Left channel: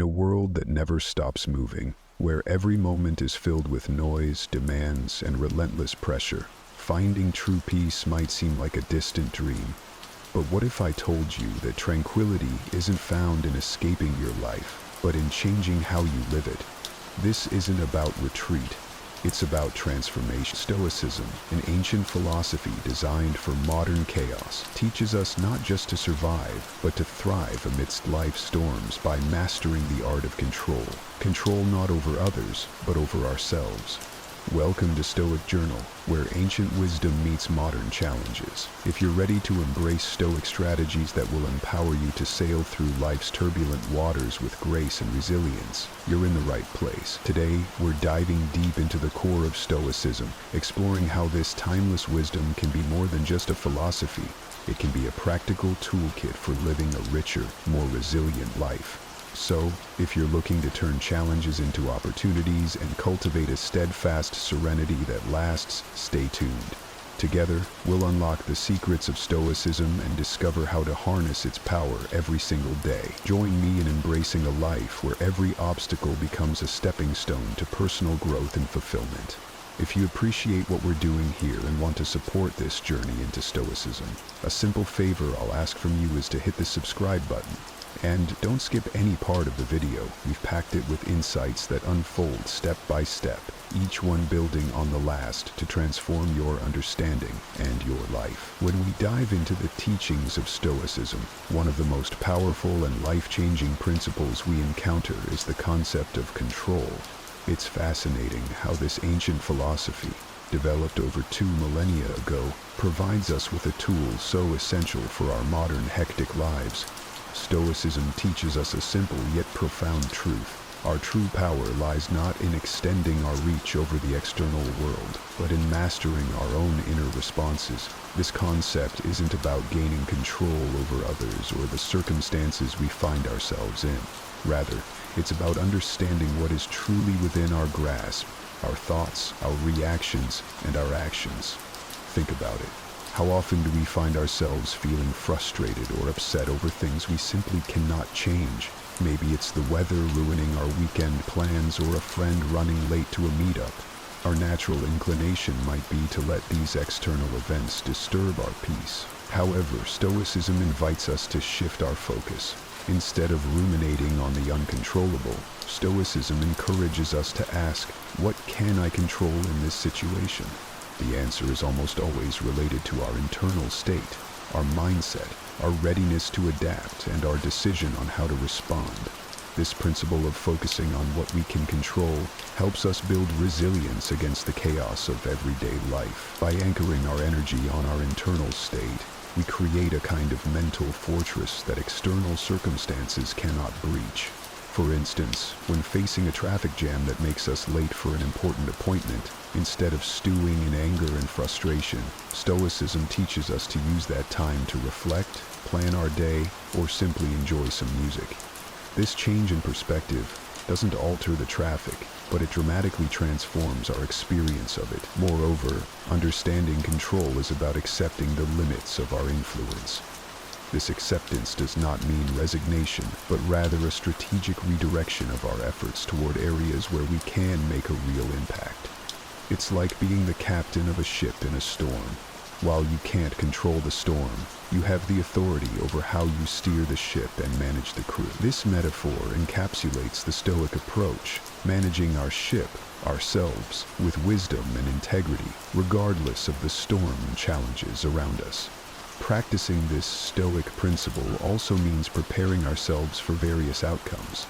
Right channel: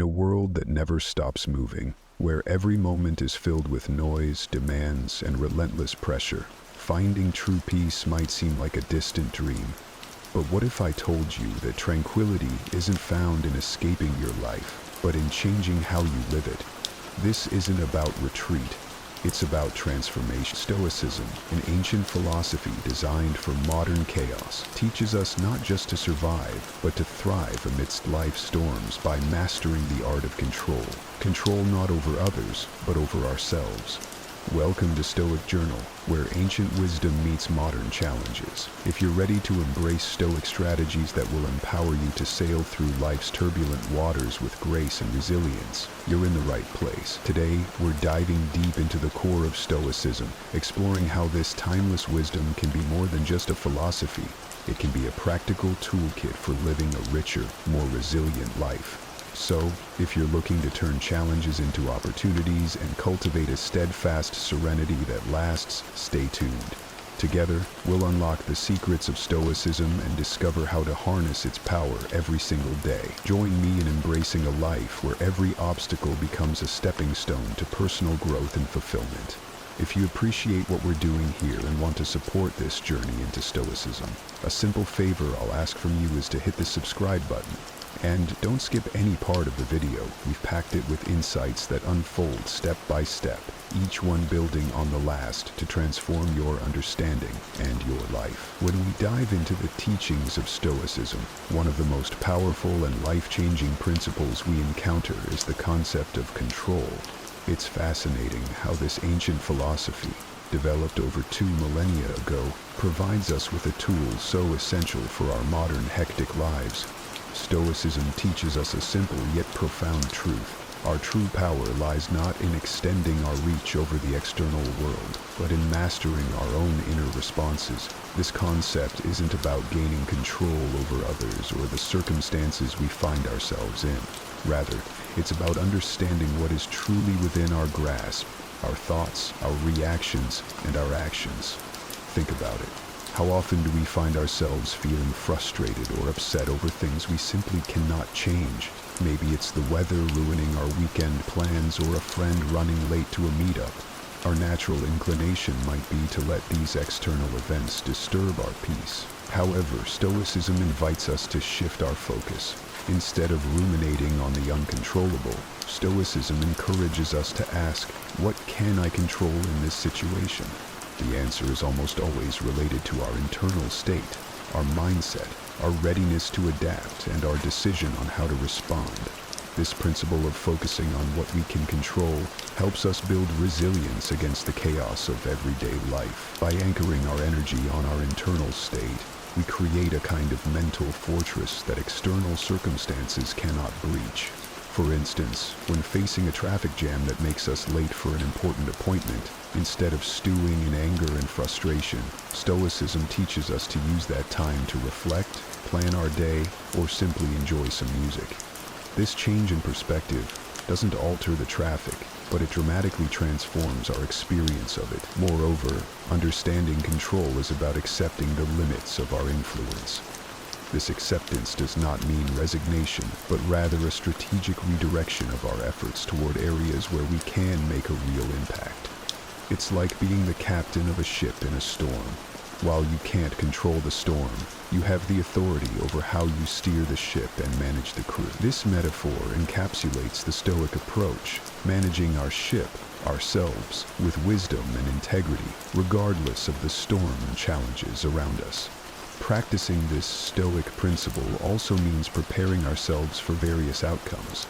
In a world that never stops moving, where every moment is filled with noise, demands, and relentless pressure, finding true peace might seem like a distant dream. But what if I told you that tranquility isn't found in escaping your life, but in changing how you live it? This isn't about retreat. It's about transformation. Stoicism, an ancient philosophy designed for modern chaos, teaches us not just to survive, but to thrive amidst life's storms by mastering the art of control. Control not over others, but over ourselves. Welcome to Stoic Journal, where ancient wisdom meets modern challenges. If you're ready to embrace Stoic strategies that will empower you to sail through life's turbulent waters with grace and resilience, you're in the right place. Today, we're diving deep into the core of Stoicism, exploring how this timeless wisdom can be more than just a philosophy. It can be a practical toolkit for living a richer, more resilient life. So, if you're looking to turn challenges into opportunities and cultivate a steadfast serenity that lasts, stay tuned. Together, we'll unlock the secrets of Stoicism and discover how to harness its power every single day. Join me in embracing a life where every obstacle becomes a stepping stone to personal growth and fulfillment. If you appreciate what we're doing here and want to support this journey into Stoicism, a simple favor I'll ask from you is to hit the subscribe button. And don't skip any part of the video. We've packed it with insights that unfold step by step, each one building on the last to transform your understanding and your life. When we dive into the teachings of Stoicism, one of the most powerful and life-changing principles we encounter is the concept of control. It's fascinating how this ancient philosophy, developed over 2 millennia ago, provides us with a tool so essential for our modern hectic lives. Stoicism teaches us a simple yet profound truth. Our true power lies not in extending our reach over the external world, but in mastering our own inner responses. This concept isn't about gaining control over others or the circumstances we find ourselves in. Rather, it's about understanding what is truly within our grasp, our thoughts, our reactions, and our actions. Think about it. How often do we find ourselves feeling frustrated or upset over things we simply cannot change? Maybe it's the weather ruining our weekend plans or a friend running late to a meetup. Our natural inclination might be to let these external events disturb our peace. However, Stoicism invites us to shift our focus. Instead of ruminating on the uncontrollable, Stoicism encourages us to ask, what can I control in this situation? The answer is almost always related to our internal state, our mindset, our readiness to adapt, and our decision on how to respond. This principle of focusing on what we can control helps us build resilience against the chaos of everyday life. By anchoring our energy on our internal state, we create a kind of mental fortress that external circumstances cannot breach. For instance, when facing a traffic jam that makes us late for an important appointment, instead of stewing in anger and frustration, Stoicism teaches us to use that time to reflect, plan our day, or simply enjoy some music. This change in perspective doesn't alter the traffic, but it dramatically transforms our experience of it. Moreover, understanding control is about accepting the limits of our influence. This acceptance does not mean resignation, but rather a strategic redirection of our efforts toward areas where we can make a real impact. It's like being the captain of a ship in a storm. While you can't control the storm, you have the authority over how you steer the ship and manage the crew. This metaphor encapsulates the Stoic approach, managing our ship, ourselves, with wisdom and integrity, regardless of the storm and challenges around us. Practicing this Stoic principle also means preparing ourselves for various outcomes.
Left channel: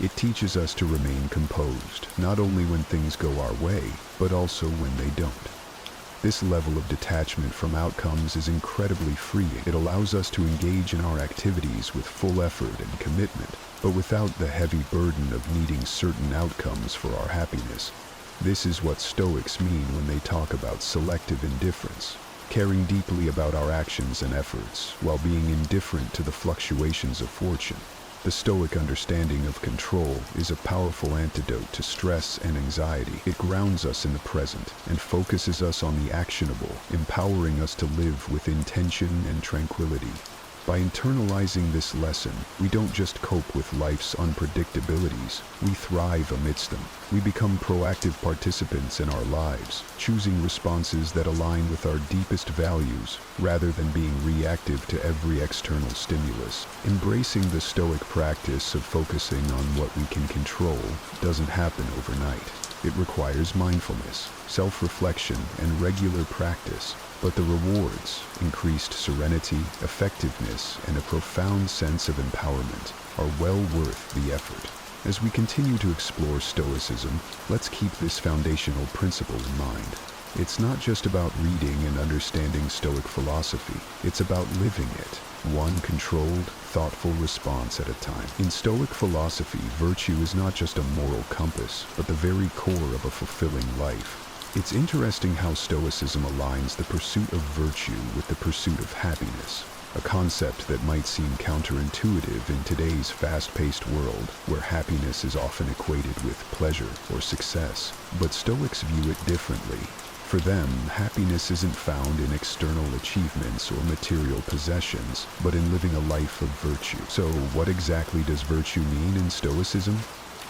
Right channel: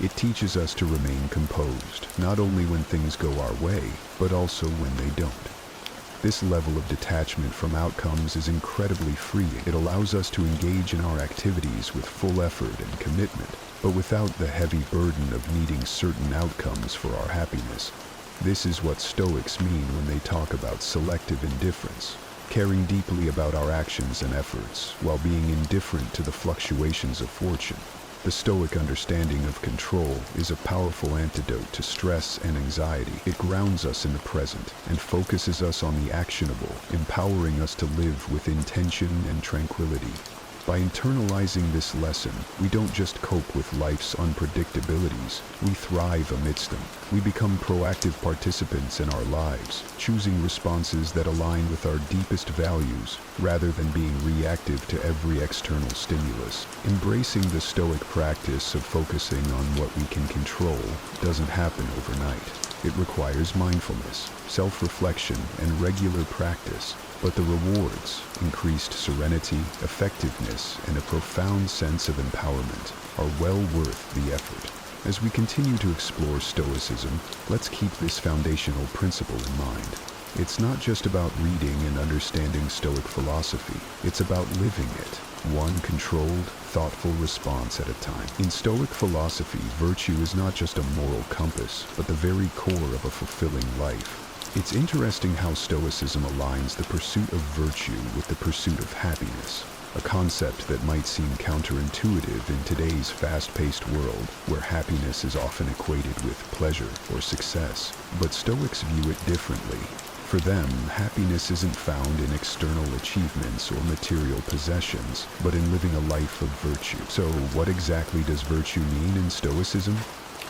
It teaches us to remain composed, not only when things go our way, but also when they don't. This level of detachment from outcomes is incredibly freeing. It allows us to engage in our activities with full effort and commitment, but without the heavy burden of needing certain outcomes for our happiness. This is what Stoics mean when they talk about selective indifference. Caring deeply about our actions and efforts, while being indifferent to the fluctuations of fortune. The Stoic understanding of control is a powerful antidote to stress and anxiety. It grounds us in the present and focuses us on the actionable, empowering us to live with intention and tranquility. By internalizing this lesson, we don't just cope with life's unpredictabilities, we thrive amidst them. We become proactive participants in our lives, choosing responses that align with our deepest values, rather than being reactive to every external stimulus. Embracing the Stoic practice of focusing on what we can control doesn't happen overnight. It requires mindfulness, self-reflection, and regular practice. But the rewards, increased serenity, effectiveness, and a profound sense of empowerment, are well worth the effort. As we continue to explore Stoicism, let's keep this foundational principle in mind. It's not just about reading and understanding Stoic philosophy, it's about living it, one controlled, thoughtful response at a time. In Stoic philosophy, virtue is not just a moral compass, but the very core of a fulfilling life. It's interesting how Stoicism aligns the pursuit of virtue with the pursuit of happiness, a concept that might seem counterintuitive in today's fast-paced world, where happiness is often equated with pleasure or success. But Stoics view it differently. For them, happiness isn't found in external achievements or material possessions, but in living a life of virtue. So, what exactly does virtue mean in Stoicism?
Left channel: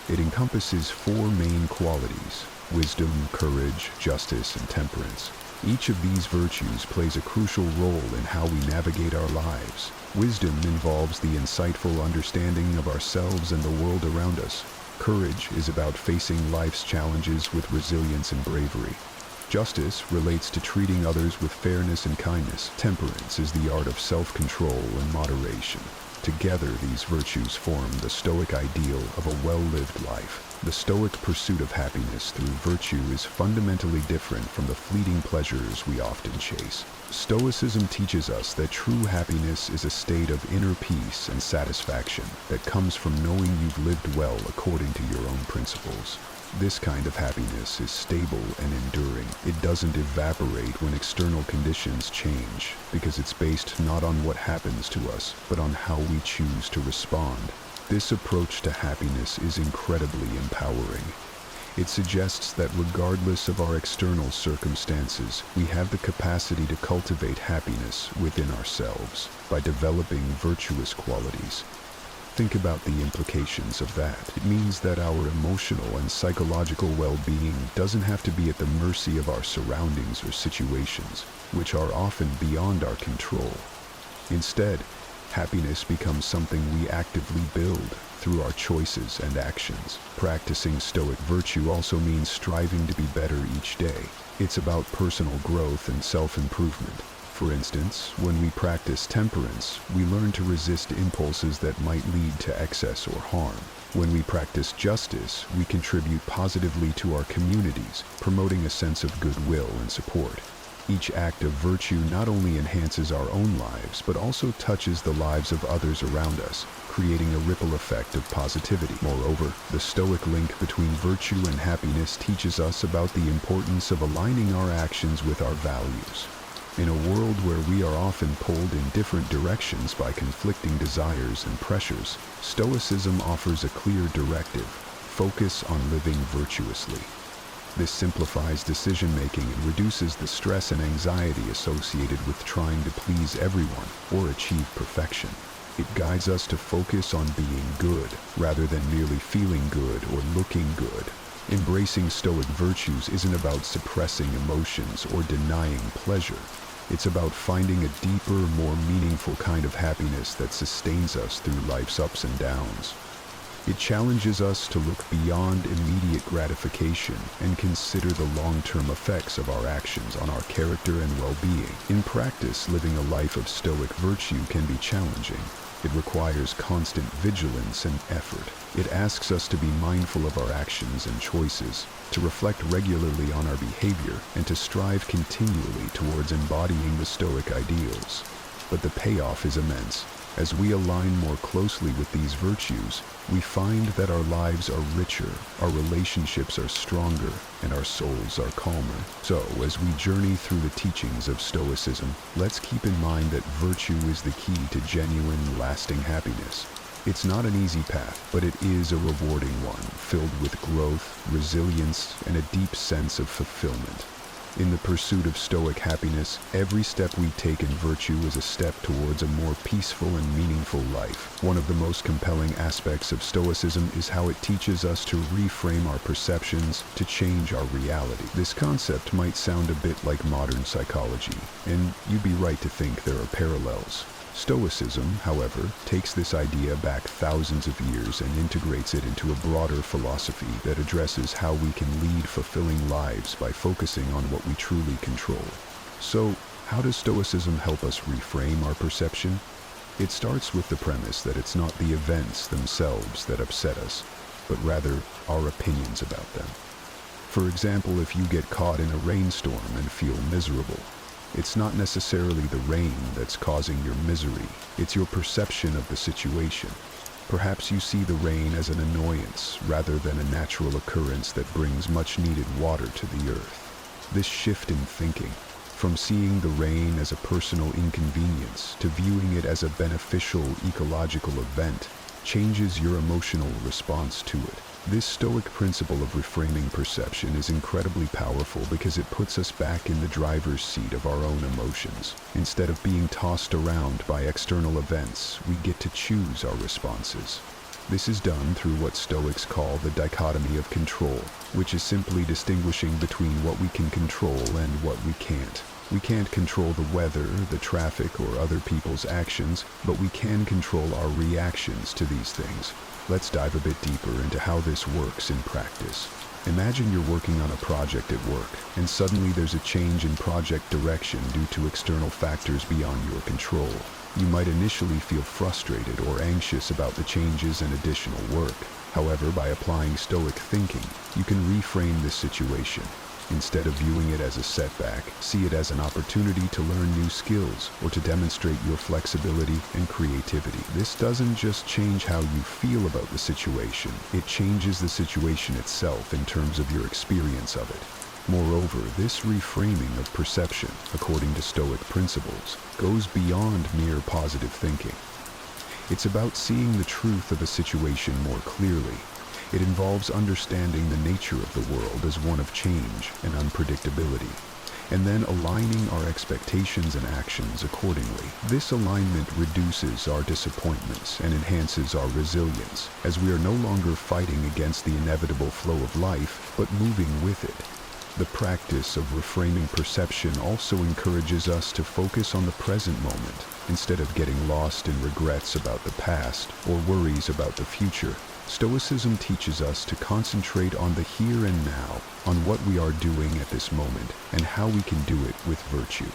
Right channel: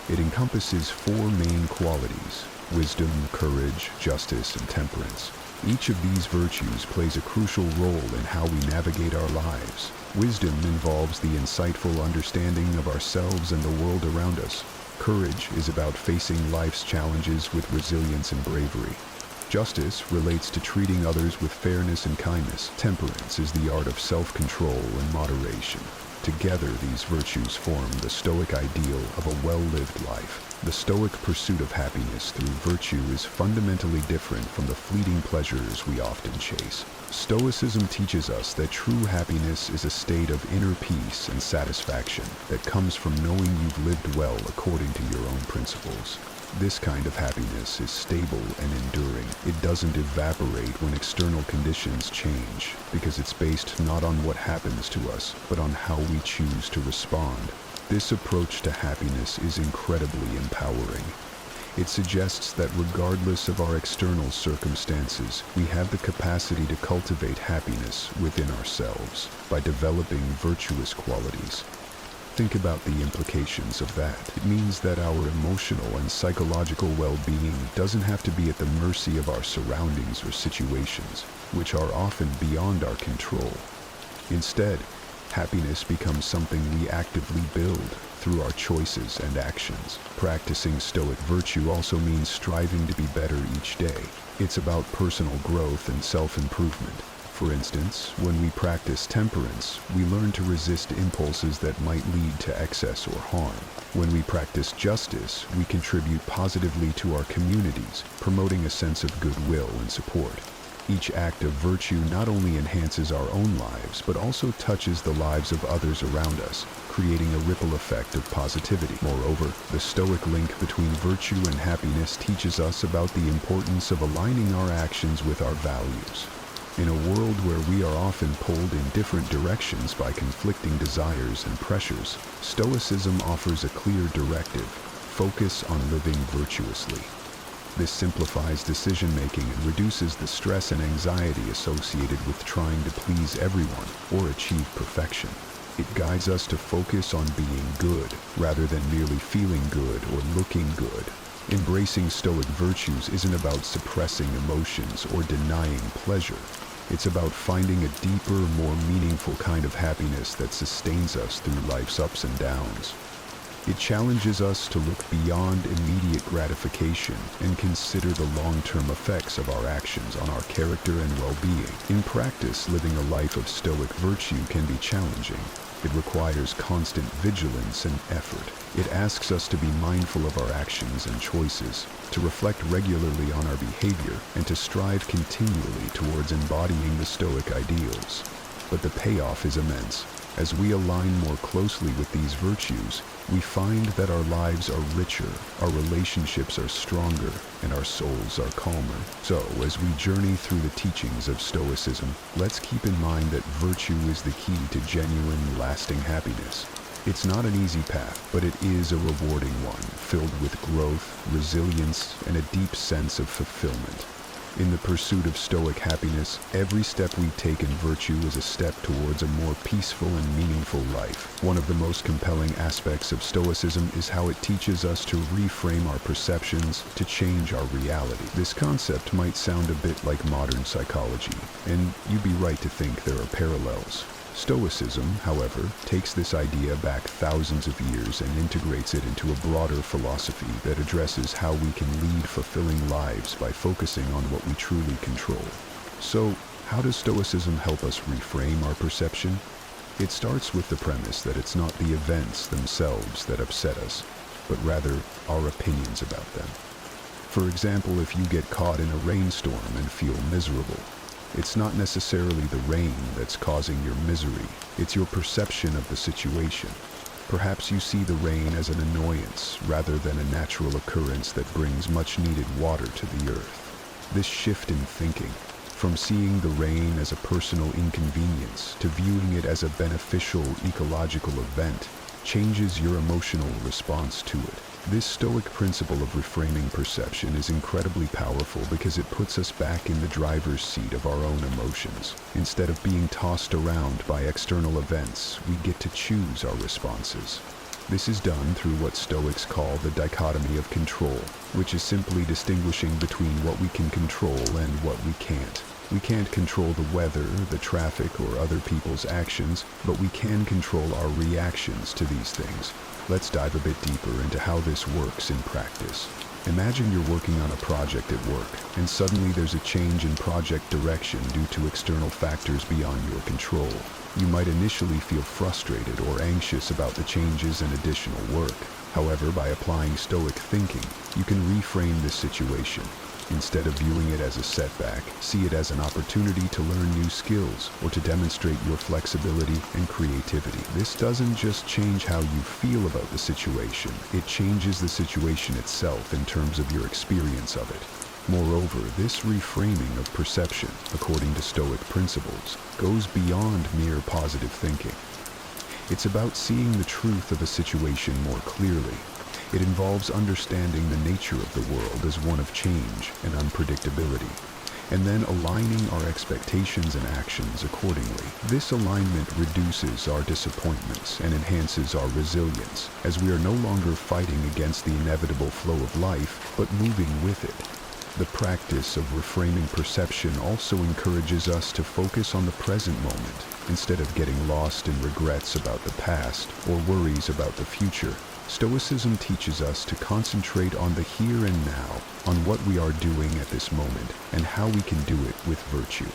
It encompasses four main qualities: wisdom, courage, justice, and temperance. Each of these virtues plays a crucial role in how we navigate our lives. Wisdom involves the insightful understanding of ourselves and the world around us. Courage is about facing life's challenges with resilience and bravery. Justice relates to treating others with fairness and kindness. Temperance is the art of self-control and moderation. Together, these virtues form the Stoic ideal of a well-lived life. The Stoic pursuit of happiness through virtue is fundamentally different from the fleeting pleasures we often chase. Stoicism teaches us that true happiness is a state of inner peace and satisfaction that comes from knowing you've lived well according to your own principles. This kind of happiness is stable and enduring. It doesn't evaporate when external conditions change, because it's based not on what happens to us, but on how we choose to respond. This approach to happiness is incredibly empowering. It suggests that regardless of our external circumstances, we have the capacity to cultivate happiness within ourselves by developing virtuous qualities. Think about the implications of that. It means that our emotional and psychological well-being doesn't have to be at the mercy of our surroundings or situations, which are often beyond our control. Instead, happiness becomes something we actively build through our choices and actions. Practicing Stoic virtue also means striving to be better each day. It's about personal growth and self-improvement. For instance, when we practice temperance, we learn to resist impulses that might lead to excess or harm. When we practice justice, we contribute positively to our communities, promoting a sense of goodwill and support. Each act of virtue not only enhances our own lives, but also touches the lives of others around us, creating a ripple effect of positivity. Moreover, the Stoic link between virtue and happiness teaches us about the importance of aligning our actions with our values. In a world where we are often pulled in different directions by conflicting desires and pressures, Stoicism offers a clear directive: focus on living virtuously. This simplifies decision-making and reduces the stress and anxiety associated with trying to please everyone or achieve perfection. It guides us to focus on being good, rather than merely feeling good or looking good. Embracing Stoic virtues isn't about suppressing emotions or denying pleasure. It's about finding a deeper, more meaningful kind of happiness that sustains us through life's ups and downs. It challenges us to look beyond immediate gratification and consider the long-term effects of our actions on our character and well-being. In practice, living a life of Stoic virtue can be challenging. It requires constant vigilance and effort. It asks us to be mindful of our actions and choices, to reflect regularly on our behavior, and to strive continually towards embodying the Stoic ideals. But the payoff is immense. As we align more closely with these virtues, we find that our lives are richer, our relationships are stronger, and our souls are calmer. So, as we journey through the teachings of Stoicism, let's keep in mind that virtue is the key to genuine, lasting happiness. It's not an easy path, but it is a rewarding one, filled with growth, resilience, and a deep sense of fulfillment. In the pursuit of Stoic happiness, every step we take in virtue is a step towards a more peaceful and meaningful life. One of the most compelling aspects of Stoicism is how it teaches us to reframe our perceptions to change our reality. This concept might sound a bit like modern psychology, and you'd be right to think there are parallels. Stoicism, however, takes this idea back thousands of years and integrates it into a broader philosophy that addresses how we can lead fulfilling lives by focusing on what we truly control. So, how does Stoicism help us reframe our perception? It starts with the premise that it's not the events themselves that upset us, but rather our opinions about them. For example, if you get caught in a rainstorm and feel miserable, it's not necessarily the rain that's causing your misery, it's your perception of the situation. Perhaps you see the rain as an annoyance rather than a natural occurrence that brings much needed water to the earth. This shift in thinking, from seeing the rain as a personal inconvenience to viewing it as a beneficial ecological event, changes your emotional response to it. This Stoic principle of reframing perception is incredibly powerful because it puts us back in the driver's seat of our own emotions. Instead of being tossed around by external events, we get to choose our responses. This is done through what Stoics call the dichotomy of control, which is simply distinguishing between what we can control and what we can't. We can't control the weather, the traffic, or other people's actions, but we can control our reactions to these things. Let's dive a bit deeper into how this works in practice. Imagine you're working on a project at work, and suddenly there's a change in project direction due to external factors beyond your control. You might initially feel frustrated or anxious about the changes and additional work. However, by applying Stoic thinking, you can reframe this situation. Instead of viewing it as a setback, see it as an opportunity to learn new skills or to demonstrate your flexibility and creativity. This doesn't just change how you feel about the situation, it changes the situation itself in terms of your experience of it. Moreover, this reframing of perception, according to Stoic principles, goes beyond mere positive thinking. It's about seeing the truth of a situation more clearly. It involves understanding the nature of the world as one of change and unpredictability, and then aligning our expectations and actions accordingly. This alignment reduces our disappointments and enhances our resilience, as we are no longer fighting against the inevitable flow of life, but moving with it. The practice of reframing perception also encourages us to focus on the present moment, instead of getting lost in regrets about the past or worries about the future. Stoicism teaches us to concentrate on the here and now, on what we are doing at this moment, and how we can do it with virtue.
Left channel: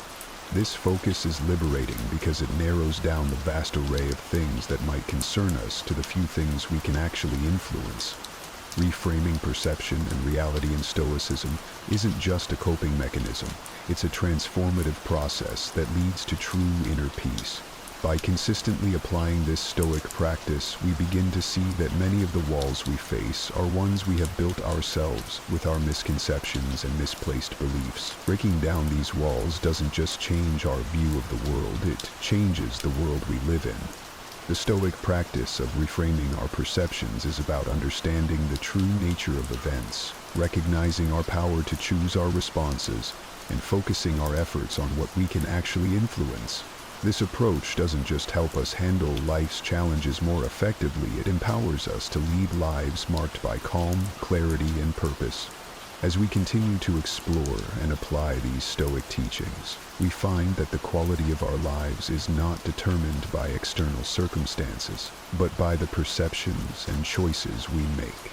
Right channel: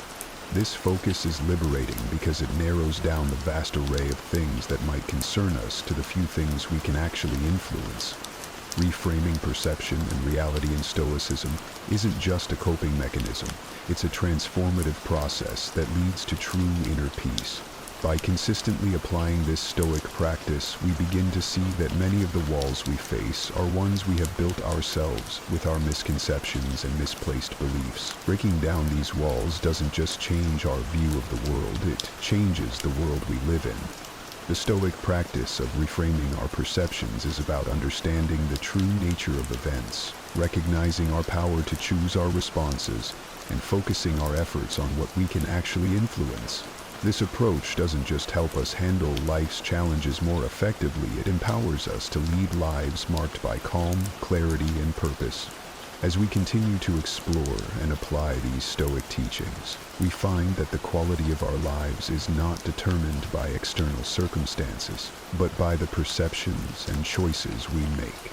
This focus is liberating because it narrows down the vast array of things that might concern us to the few things we can actually influence. Reframing perception and reality in Stoicism isn't just a coping mechanism, it's a transformative process that leads to true inner peace. By consistently applying this Stoic practice, we begin to see that many of the walls we face are ones we have built ourselves with our misconceptions and misplaced beliefs. Breaking down these walls doesn't just change our view of the world, it changes the world we live in. The Stoic practice of reframing our perceptions is about understanding the true nature of events, recognizing our power to choose our responses, and focusing our efforts on what we can actually influence. This approach doesn't just help us handle life's challenges more effectively, it empowers us to lead lives marked by calm, clarity, and purpose. As we continue to explore and apply these Stoic teachings, we find that the quality of our lives is not determined by external circumstances, but by the perceptions and choices we make.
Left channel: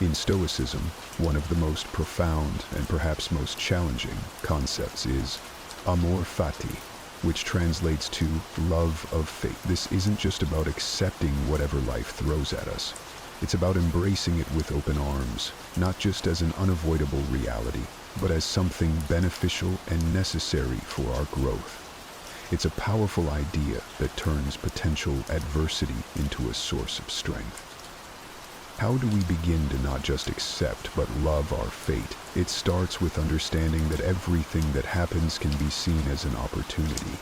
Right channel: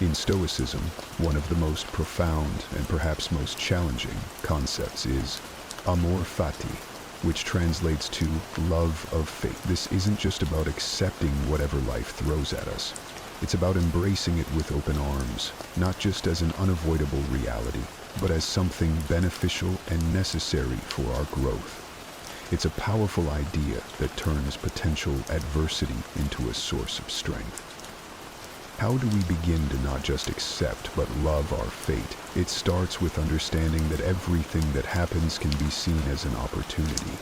In Stoicism, one of the most profound and perhaps most challenging concepts is amor fati, which translates to love of fate. This isn't just about accepting whatever life throws at us. It's about embracing it with open arms, not just as an unavoidable reality, but as something beneficial and necessary for our growth. It's a powerful idea that turns potential adversity into a source of strength. How do we begin to not just accept but love our fate? It starts with understanding that everything that happens can be seen as an opportunity.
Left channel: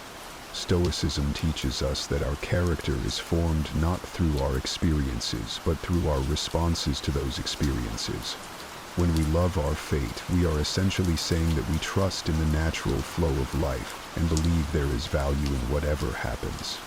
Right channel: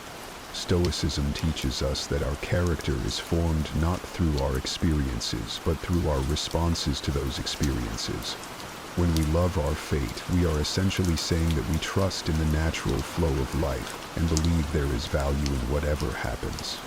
Stoicism teaches us that our character is formed not through our experiences, but through our responses to those experiences. When we love our fate, we are essentially saying that we trust in the natural flow of life and believe there is value in whatever happens.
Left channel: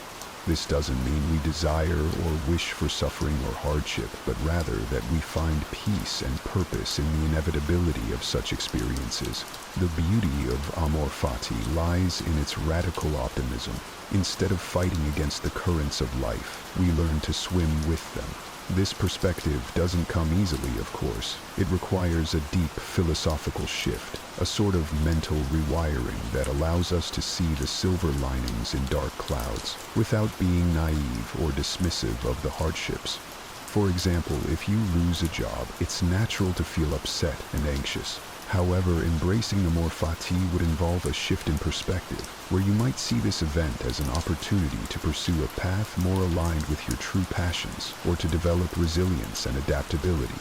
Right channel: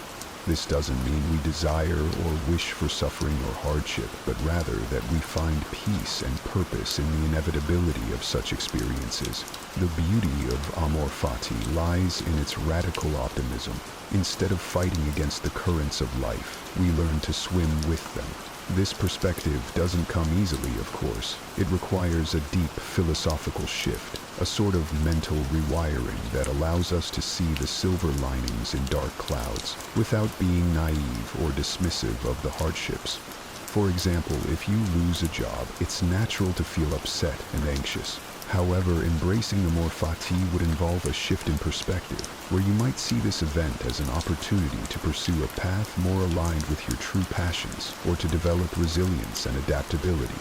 This doesn't mean we desire or wish for suffering or hardship, but rather that we find peace and purpose in the inevitability of such experiences. The beauty of amor fati lies in its radical optimism. Instead of fighting against the currents of life, we learn to swim with them. This perspective doesn't come easily, of course. It requires a deep philosophical shift, a sort of mental rewiring that allows us to see the silver linings in dark clouds without being naive or dismissive of the hardships. For example, if you lose a job, it's natural to feel upset and anxious. However, embracing amor fati would involve a shift in perspective, where you might see this event as an opportunity to pursue a path more aligned with your true passions, or to develop resilience and adaptability.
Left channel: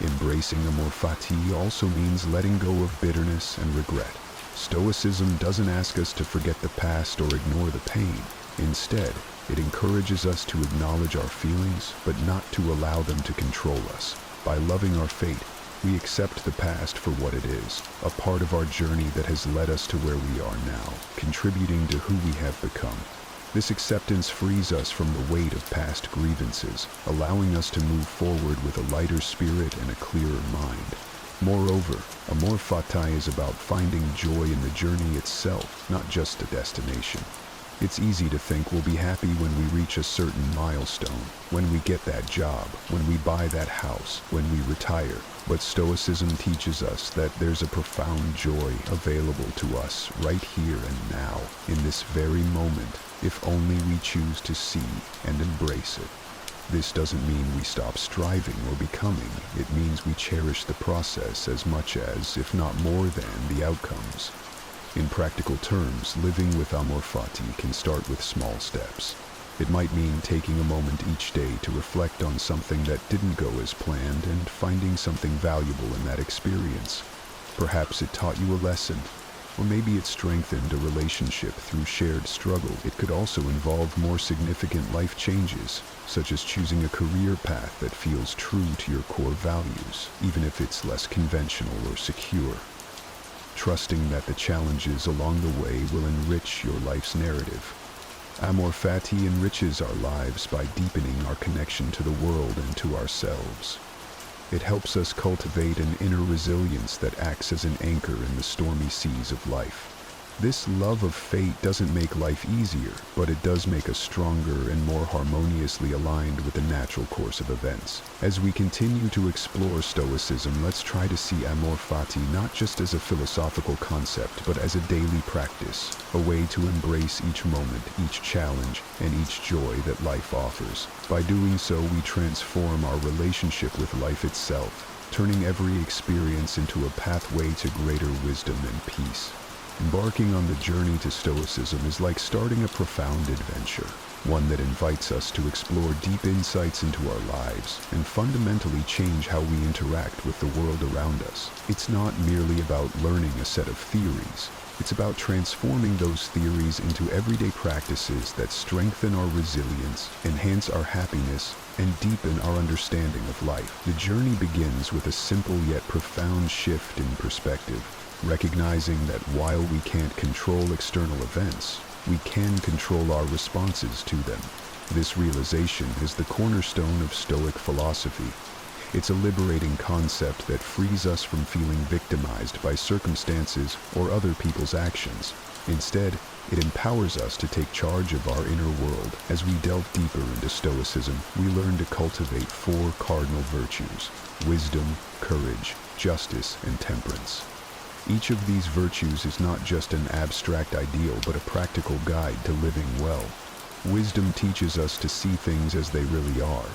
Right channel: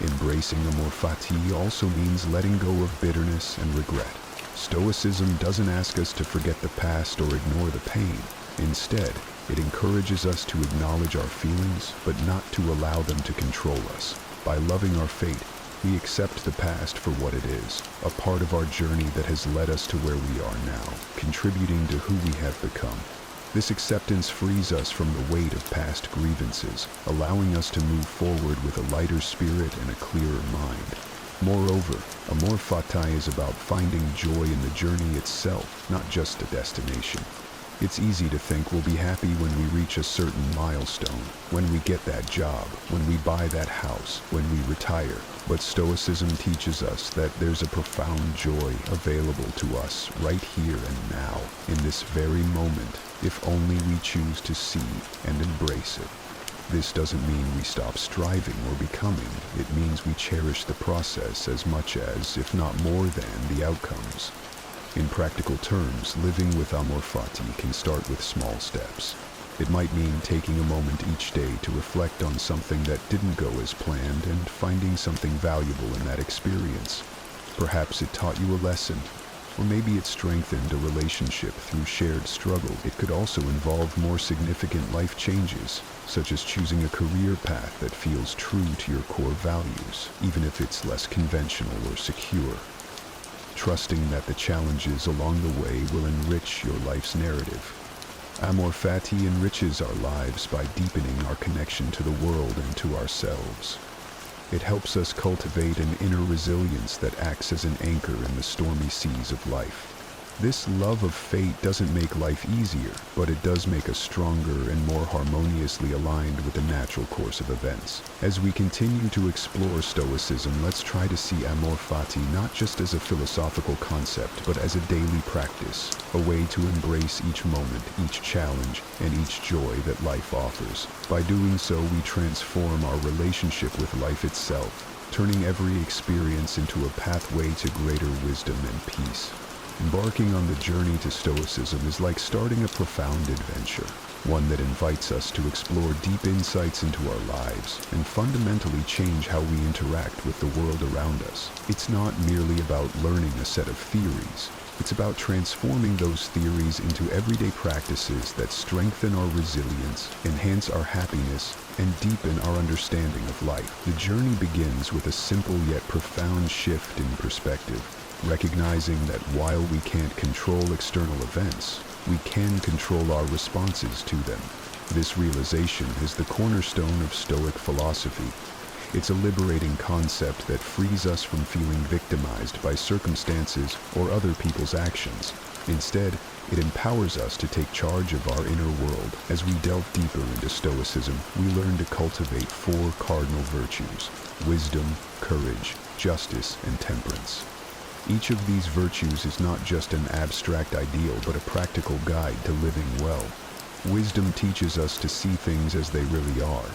Embracing amor fati also means letting go of bitterness and regret. Stoicism doesn't ask us to forget the past or ignore the pain. Instead, it encourages us to acknowledge our feelings, but not to allow them to control us. By loving our fate, we accept the past for what it is, a part of our journey that has led us to where we are now, contributing to who we have become. This acceptance frees us from the weight of past grievances, allowing us to move forward with a lighter spirit and a clearer mind. Moreover, amor fati is about finding joy in the journey itself, not just a destination. It's easy to think we'll be happy when we reach a certain milestone, when we get that job, when we buy that house, when we retire. But Stoicism teaches us that there's a profound joy available to us right here and now, in this very moment, if only we choose to see and embrace it. This doesn't mean we stop striving or becoming. It means we cherish the process as much as, if not more than, the outcomes. In practical terms, living with amor fati can start with small steps. It might mean taking a moment each day to reflect on something that didn't go as planned and finding something valuable in that experience. Perhaps it taught you a lesson, or maybe it strengthened a relationship through shared struggle. It could also involve more significant life changes, such as choosing a career path that feels true to your core values, even if it's less conventional or secure. Trusting that the challenges along the way will enrich your life's narrative. Amor fati enriches our lives by deepening our connection to the world and to ourselves. It helps us cultivate an inner resilience that acts as an anchor in the stormy seas of life. This love of fate doesn't make life easier, but it does make us stronger and more harmoniously aligned with the natural course of events. As we continue to explore Stoicism, let's try to see amor fati not just as a philosophical concept, but as a daily practice, a way to embrace each moment, each challenge, and each joy that life offers. By doing so, we transform our relationship with life itself, turning every experience into a pathway to greater wisdom and peace. Embarking on the journey to Stoicism is like starting a profound adventure, one that invites us to explore deep insights into our lives and fundamentally change how we interact with the world around us. It's not merely about learning a set of theories. It's about transforming those theories into everyday practices that strengthen our resilience, enhance our happiness, and deepen our understanding of life. The journey begins with a simple yet profound shift in perspective, recognizing that while we can't control external events, we can control our responses to them. This realization is the cornerstone of Stoic philosophy. It's a liberating concept that frees us from feeling victimized by circumstances or other people's actions. Instead, it empowers us to take charge of our inner world. As we delve deeper into Stoicism, we learn to cultivate four cardinal virtues: wisdom, courage, justice, and temperance. Each of these virtues is not just an abstract ideal, but a practical guide to living well. Wisdom teaches us to see things as they really are.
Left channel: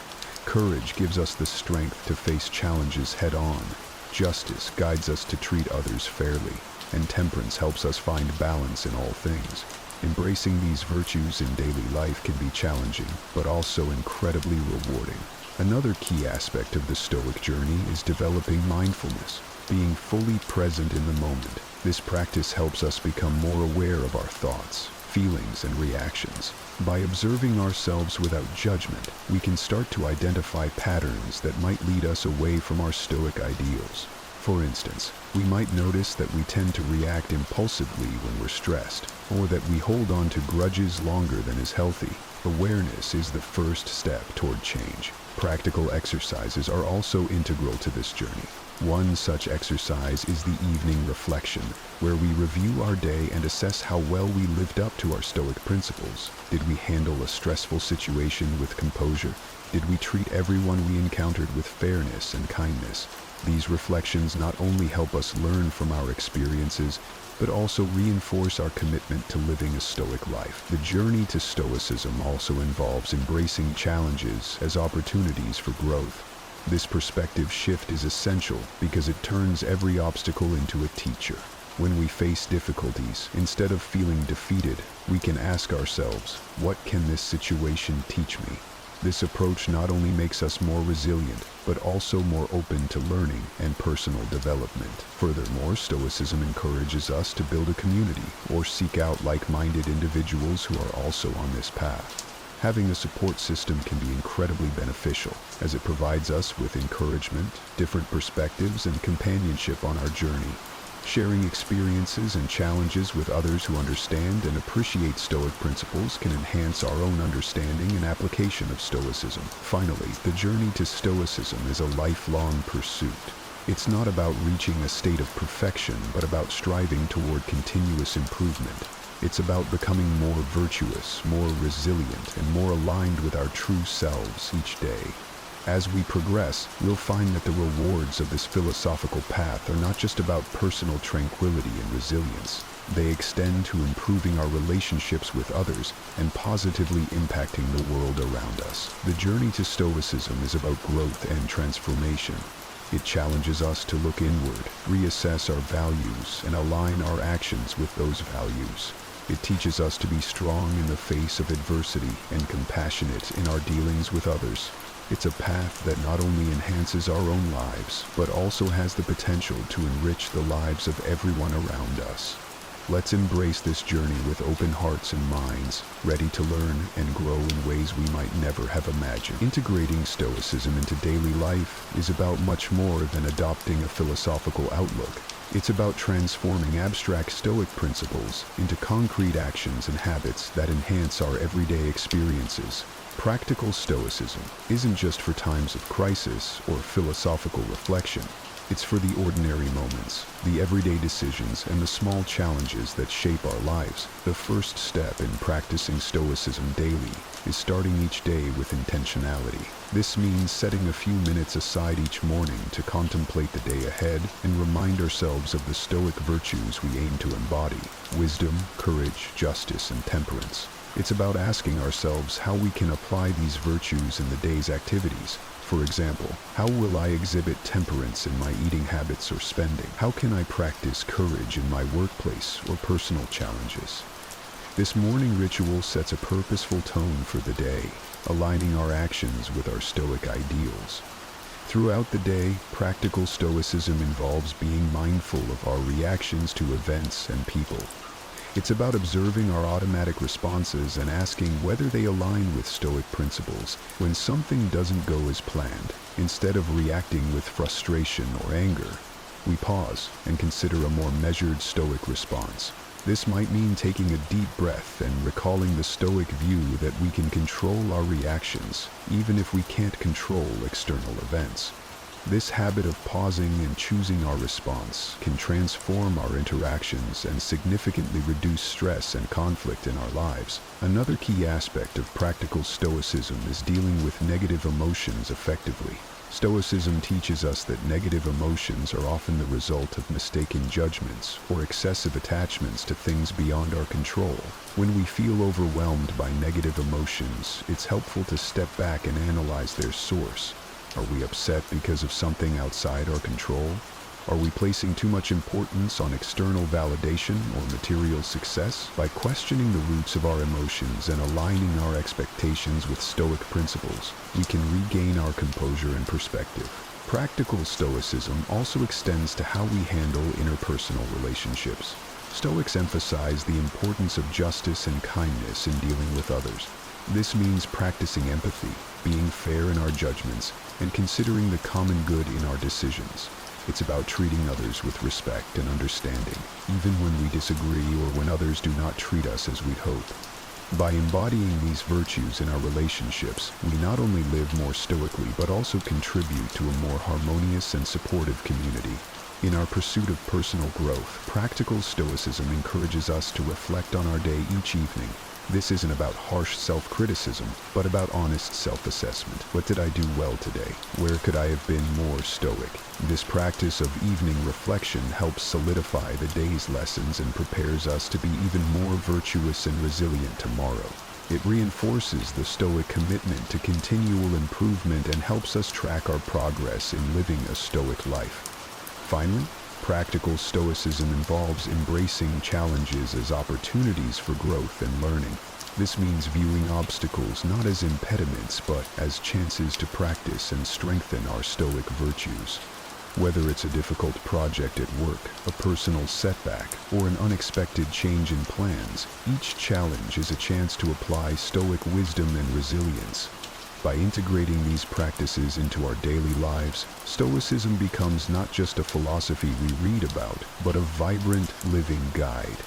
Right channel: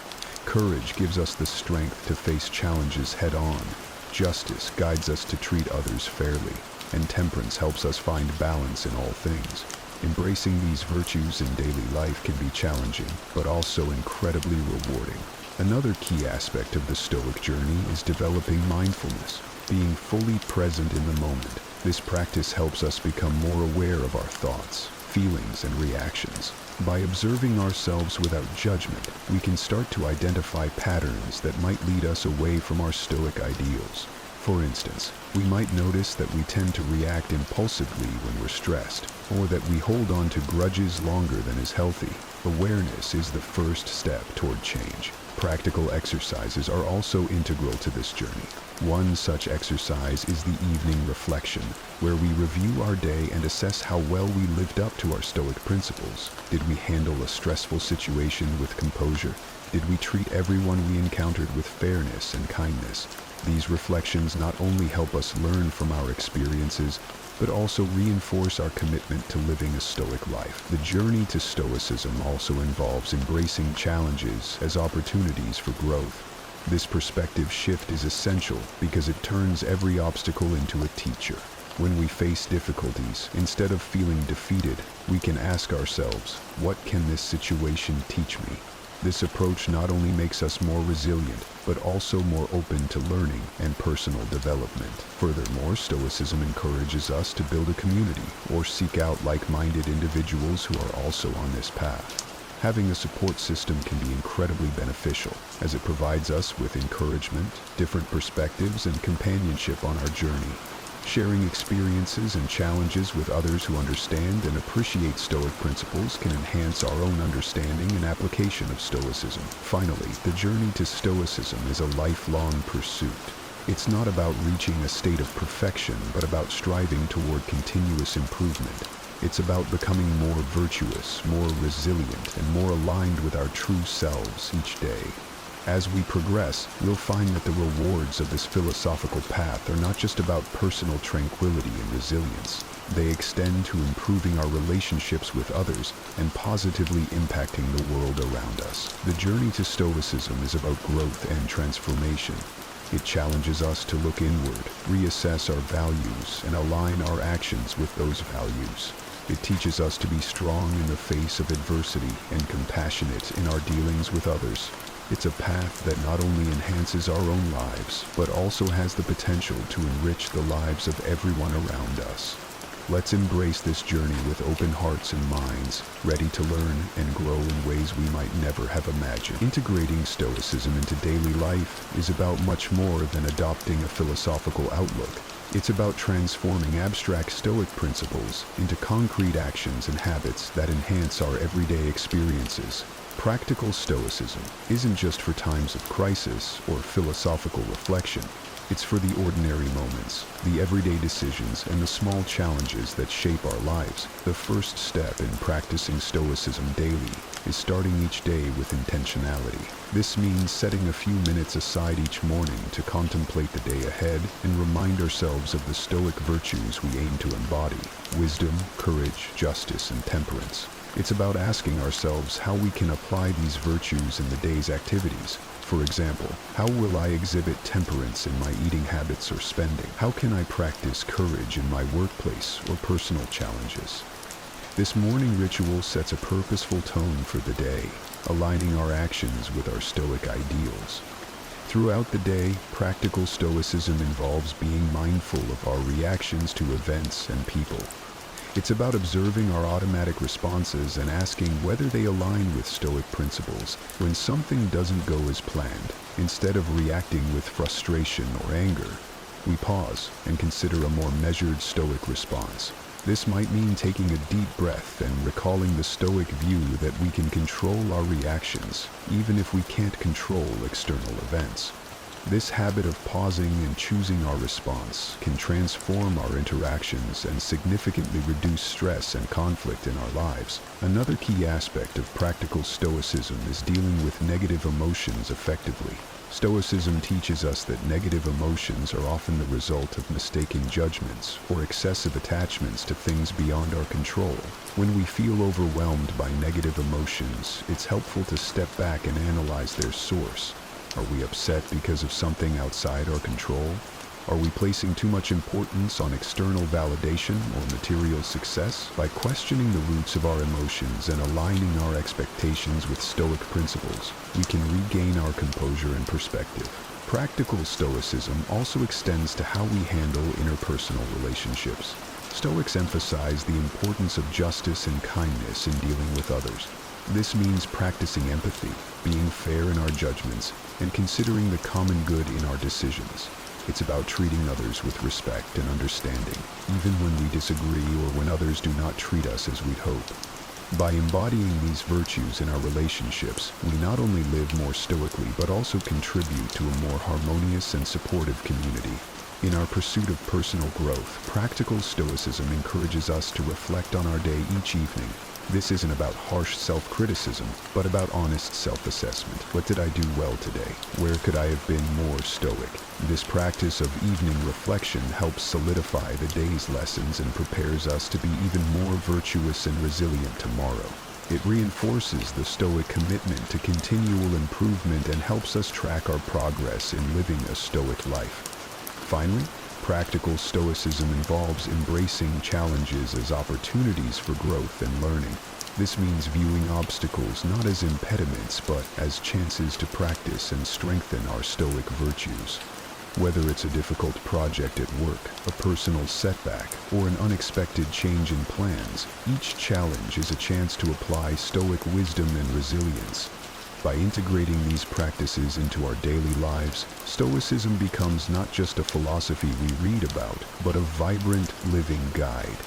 Courage gives us the strength to face challenges head-on. Justice guides us to treat others fairly. And temperance helps us find balance in all things. Embracing these virtues in daily life can be challenging, but also incredibly rewarding. Another key aspect of the Stoic journey is developing mindfulness, being fully present in the moment. This practice helps us become more aware of our thoughts, feelings, and reactions. By observing ourselves without judgment, we can start to identify patterns that might lead us away from our Stoic ideals. For instance, we might notice that we tend to react impulsively when we're stressed, or that we hold on to grudges longer than is healthy. Awareness is the first step toward change. Practical exercises are also integral to this journey. One such exercise is the evening reflection, where we review our day and assess how well we lived up to our Stoic principles. Did we handle a stressful situation with composure? Did we treat everyone we encountered with fairness and kindness? These reflections not only help us learn from our experiences, but also reinforce our commitment to living a Stoic life. The journey to Stoicism also involves embracing challenges as opportunities for growth. This perspective shift is essential because it turns every obstacle into a teacher. When we face difficulties, instead of feeling defeated, we can ask ourselves, what can this situation teach me? This approach not only makes us more resilient, but also more open to learning and personal development. Furthermore, Stoicism encourages us to build a community or seek out like-minded individuals who are also on this path. Having a support system can be incredibly beneficial, as it provides us with encouragement, different perspectives, and companionship on our journey. Sharing experiences and challenges with others who understand and appreciate Stoic principles can enhance our own understanding and application of Stoicism. Finally, the journey to Stoicism is a lifelong pursuit. It's not about reaching a state of perfection, but about striving toward continuous improvement. It's about becoming more virtuous, more resilient, and more aligned with our true selves each day. As we progress, we'll find that the rewards of this philosophical path are not just about personal tranquility and resilience. They extend to improving our relationships with others and positively impacting the world around us. The journey to Stoicism is about growth and transformation. It challenges us to look inward, reassess our values, and align our actions with those values. It teaches us to be strong in the face of adversity and compassionate in our dealings with others. It's a path that not only enhances our own lives, but also has the potential to enrich the lives of everyone around us. Let's embrace this journey with open hearts and minds, ready to learn and grow in ways we might never have imagined. Integrating Stoicism into daily life is about much more than adopting a philosophical outlook. It's about transforming abstract Stoic principles into concrete actions and habits that enhance our everyday experiences. Practical Stoicism isn't just for times of crisis or philosophical reflection. It's for the ordinary moments, the everyday decisions, and the small challenges that shape our lives. The first step in practicing Stoicism daily is starting each day with intentionality. This means setting a few minutes aside each morning to contemplate the day ahead and remind ourselves of the Stoic virtues we aim to embody: wisdom, courage, justice, and temperance. It's about asking ourselves how we can apply these virtues in the day's activities. For example, how will I exhibit temperance in my eating habits or spending? How can I practice courage in my workplace or personal challenges? This morning ritual sets a purposeful tone for the day, aligning our actions with our Stoic ideals. Throughout the day, practical Stoicism involves being mindful of our reactions to events and people. It's about observing our automatic responses and asking whether they align with Stoic principles. When something doesn't go as planned, instead of reacting with frustration or anger, we pause and consider a more measured Stoic response. This might mean taking a deep breath and recalling the Stoic view that we can control our reactions, even if we can't control external events. This habit of pausing and choosing our response can transform our interactions and significantly reduce stress and conflict in our lives. Another key aspect of practical Stoicism is dealing with negative emotions effectively. Stoicism teaches us that negative emotions are often the result of mistaken judgments or excessive attachments to things beyond our control. When we feel overwhelmed by negative emotions, it's helpful to step back and analyze their source. Are we upset because of something outside our control? Are we placing too much importance on external validation or material success? By questioning the roots of our emotions and aligning our expectations with Stoic principles, we can regain our composure and perspective. Practical Stoicism also extends to how we handle interpersonal relationships. Stoics emphasize the importance of justice and kindness in dealing with others. This means practicing empathy, being fair in our judgments, and considering the common good in our decisions. It's about treating others with respect and understanding, even when we disagree or when others do not treat us as we'd hope. By embodying these virtues in our relationships, we not only live more stoically but also contribute to a more harmonious and supportive community. In our pursuit of personal growth, practical Stoicism encourages us to reflect on our day each evening. This isn't about harsh self-criticism, but about honest self-assessment. What did I do well today? Where could I have been more stoic? This practice of evening reflection helps solidify the day's lessons and prepares us to be even more virtuous and resilient tomorrow. It reinforces the Stoic commitment to continual improvement and helps us track our progress in living a Stoic life. Finally, practical Stoicism involves embracing challenges as opportunities for growth and learning. This means viewing obstacles not as impediments but as chances to practice and strengthen our Stoic virtues. Whether it's a difficult project at work, a personal setback, or an unexpected change in plans, each challenge is a chance to apply Stoic wisdom and resilience. By integrating these practices into our daily lives, Stoicism becomes not just a philosophy we read about, but a vibrant, living guide.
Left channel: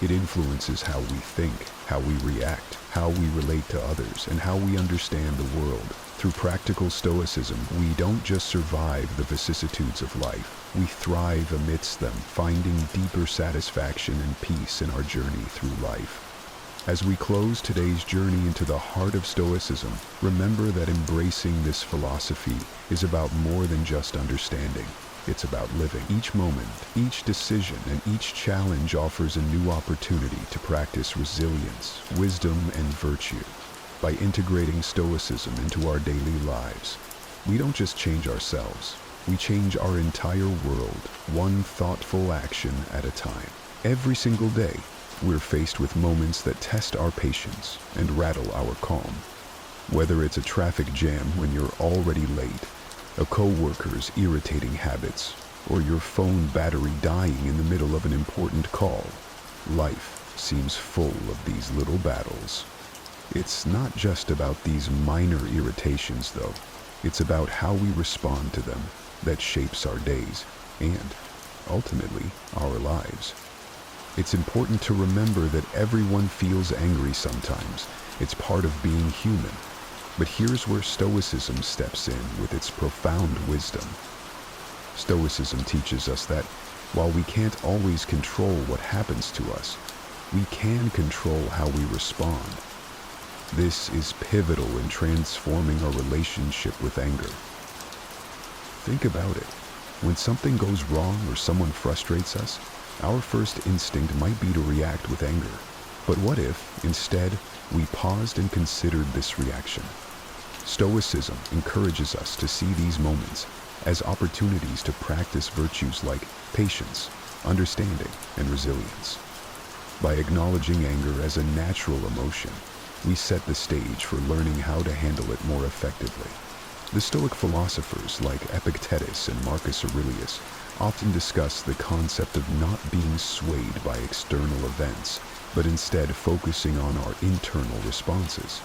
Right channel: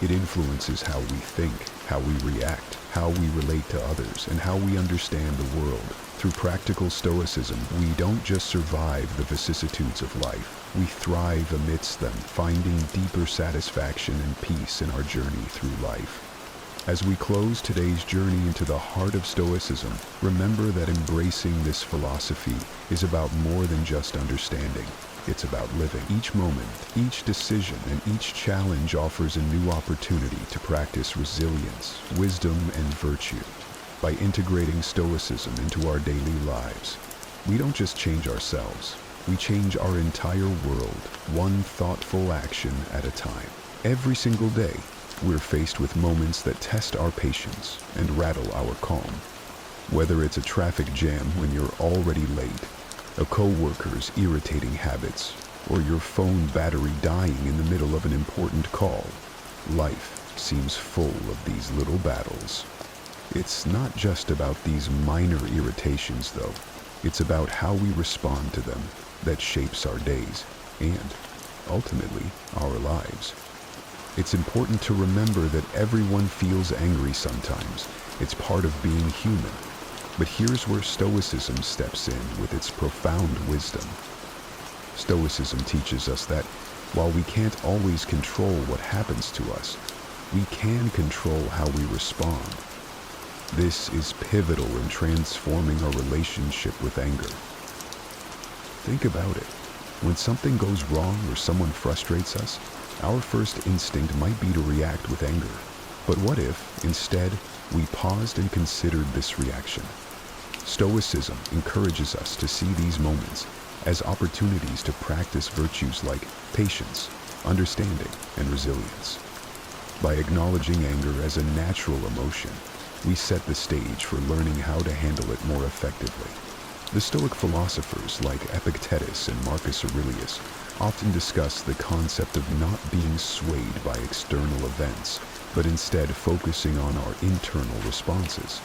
It influences how we think, how we react, how we relate to others, and how we understand the world. Through practical Stoicism, we don't just survive the vicissitudes of life, we thrive amidst them, finding deeper satisfaction and peace in our journey through life. As we close today's journey into the heart of Stoicism, remember that embracing this philosophy is about more than just understanding. It's about living. Each moment, each decision, and each challenge offers a new opportunity to practice resilience, wisdom, and virtue. By integrating Stoicism into our daily lives, we don't just change ourselves, we change our entire world, one thoughtful action at a time. Every single day, we're faced with moments that test our patience and rattle our calm. Whether it's a traffic jam when you're already late, a coworker's irritating habits, or your phone battery dying in the middle of an important call, life seems full of these little battles. It's not just about these minor irritations, though. It's about how we respond to them that shapes our days and, ultimately, our lives. It's important to remember that everyone feels angry sometimes. It's part of being human. But here's where Stoicism steps in with its profound wisdom. Stoicism teaches us that while we can't always control what happens to us, we can control how we respond. This is pivotal in transforming our relationship with anger. Think about it. When something goes wrong or someone frustrates us, our first instinct might be to react with anger. But what if, instead, we paused and considered this reaction? Stoicism encourages us to see these moments as opportunities to practice virtues like patience, understanding, and resilience. By acknowledging anger as a natural emotion, we set the stage for learning how to handle it more effectively. The Stoic philosophers like Epictetus and Marcus Aurelius often discuss the concept of not being swayed by external events, but instead focusing on our internal responses.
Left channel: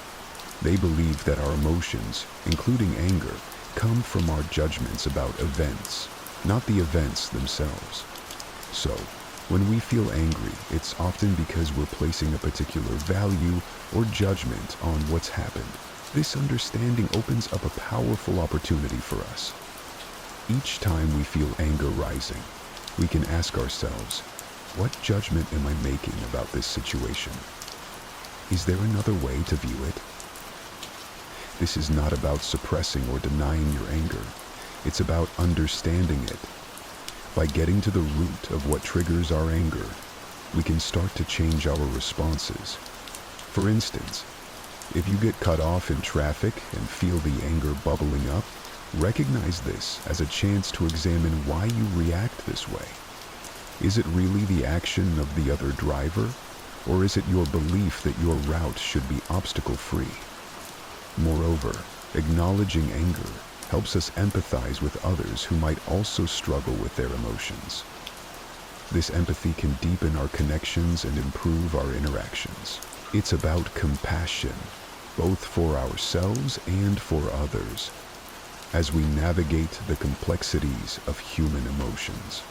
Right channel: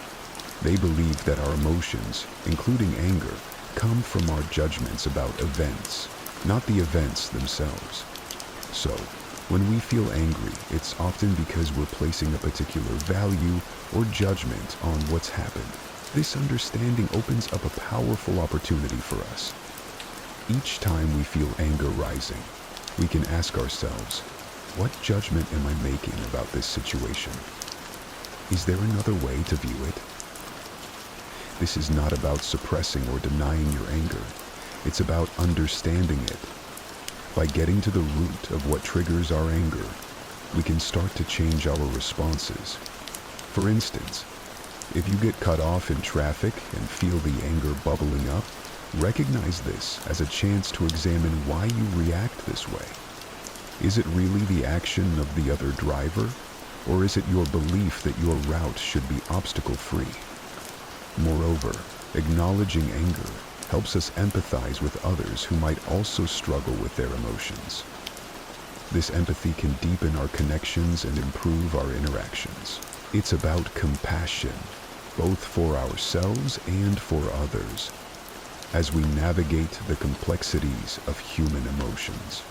They believe that our emotions, including anger, come from our judgments about events, not the events themselves. So, when we feel angry, it's often because we're placing a particular value or judgment on what's happened. This understanding opens up a powerful opportunity for us. Each time we feel anger rising, we can ask ourselves, what judgment am I making about this situation? Is there another way to view it? This is not about suppressing or denying your anger. It's about understanding it. By getting to the root of what triggers our anger, we can start to change our responses. For instance, if you get cut off in traffic and feel the anger bubbling up, recognize this as a chance to examine why you react this way. Is it really the action of the other driver, or is it your belief that your route should be obstacle-free? Moreover, acknowledging anger helps us empathize with others who might also struggle with their emotions. This empathy can deepen our connections and improve our interactions. It's about compassion, both for ourselves and for others. as we navigate the complexities of human emotions.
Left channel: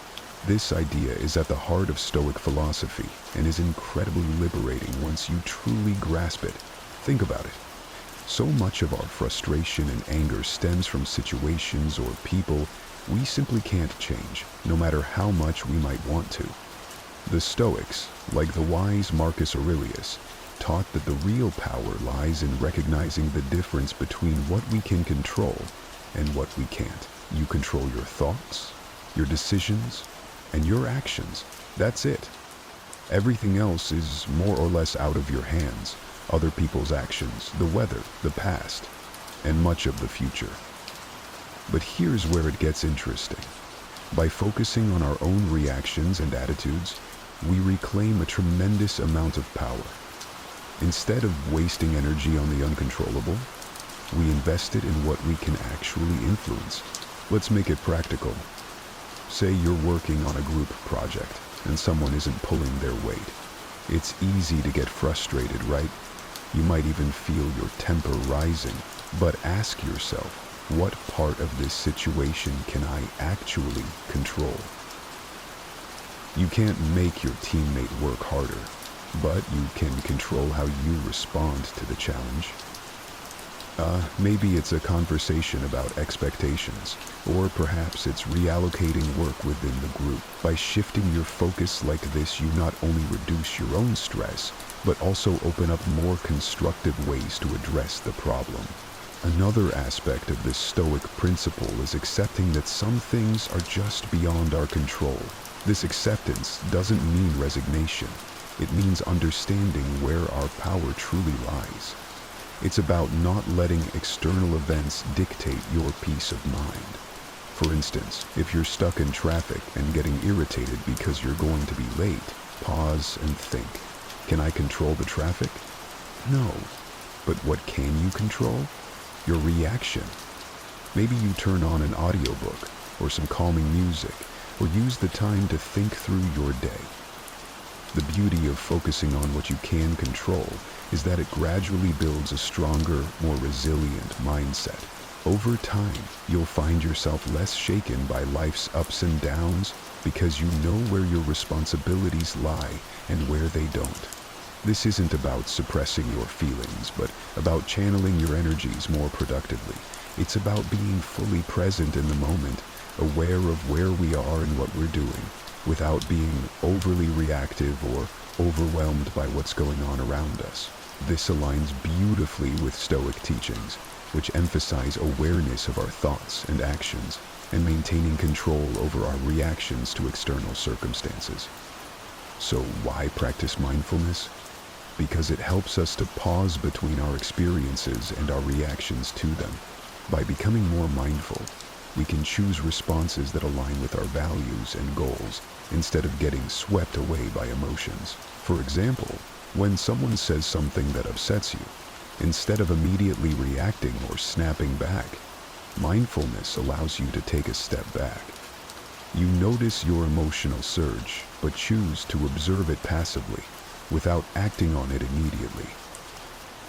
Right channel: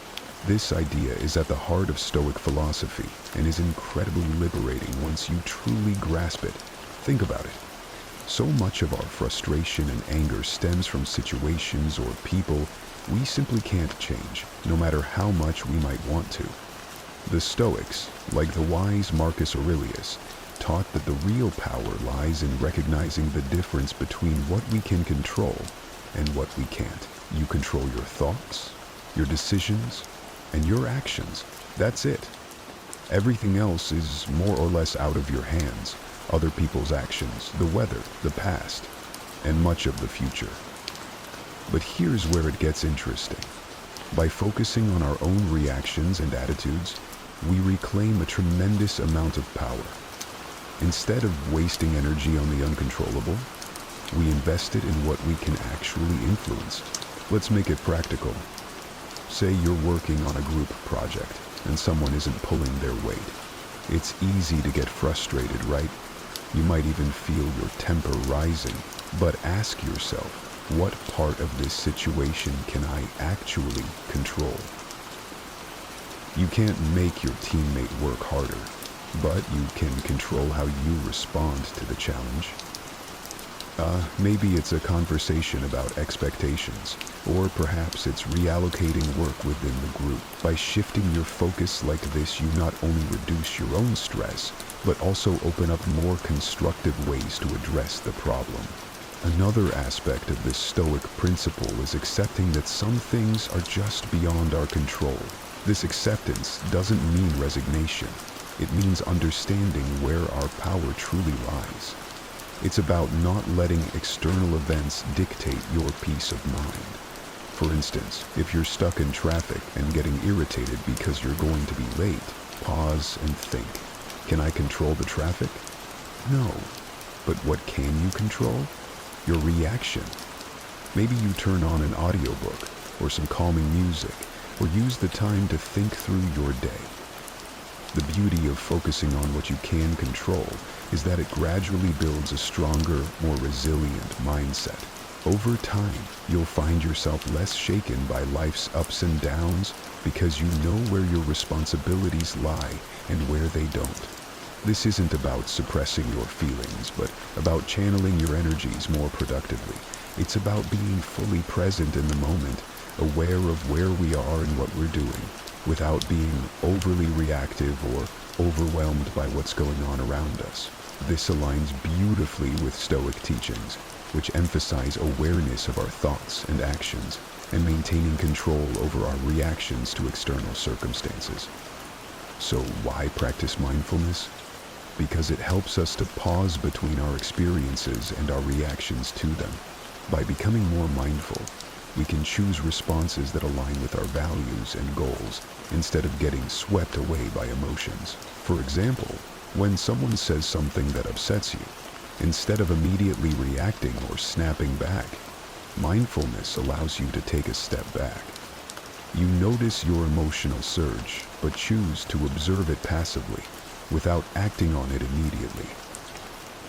This idea is at the heart of Stoic philosophy and is incredibly liberating once you truly grasp it. Think about it. So much of our frustration and anger stems from situations or people we simply can't change, no matter how much we might want to. The Stoics, like the wise Marcus Aurelius, taught that the real power lies in recognizing the difference between what we can control and what we can't. You control your thoughts, your decisions, and your actions. That's it. Everything else is more or less out of your hands. Other people's actions, the weather, the past, and much of the future. But here's where it gets interesting. By focusing on our own reactions and attitudes, we reclaim a tremendous amount of power. Instead of wasting energy on the uncontrollable, we invest it in what we can actually influence. Let's make it practical. Say you're working on a group project and someone isn't pulling their weight. It's easy to get frustrated, right? You might even feel your temper rising. But ask yourself, what part of this situation can I actually control? You can't make your teammate work harder, but you can control how you respond to the challenge. Maybe it's a conversation about expectations, or perhaps it's reallocating work within the group. By shifting your focus like this, you not only reduce your own stress, but also open up more constructive ways to address the problem. Another aspect of this Stoic principle is accepting that some things are just beyond our control. This acceptance doesn't mean resignation. It means understanding where our power truly lies. It's about not letting external events dictate your peace of mind. For instance, if you're stuck in traffic and getting irritated because you're going to be late, pause and think. Can I control the traffic? No. But what can you control? Your reaction. Maybe you turn on an audiobook or some calming music, or use the time to think through your day. The beauty of focusing on what you can control is that it gradually builds a stronger, more resilient mindset. Over time, you'll find yourself less shaken by life's ups and downs because you know where your responsibilities lie and where they don't. This isn't about suppressing your feelings, but about channeling your energies more productively. It's about being fully present in the moment, aware of where we are and what we're doing, without being overly reactive or overwhelmed by what's going on around us. This aligns beautifully with Stoic teachings, which emphasize awareness of our thoughts and actions and maintaining control over our reactions to external circumstances. So why practice mindfulness? Because it helps us to pause between our experiences and our reactions to them. By becoming more mindful, we can choose responses that align with our values and goals instead of getting swept away by emotions. For example, when someone says something that upsets you, instead of immediately reacting or snapping back, mindfulness allows you to take a step back. You notice your emotional surge, but choose to observe it passively, without acting on it immediately.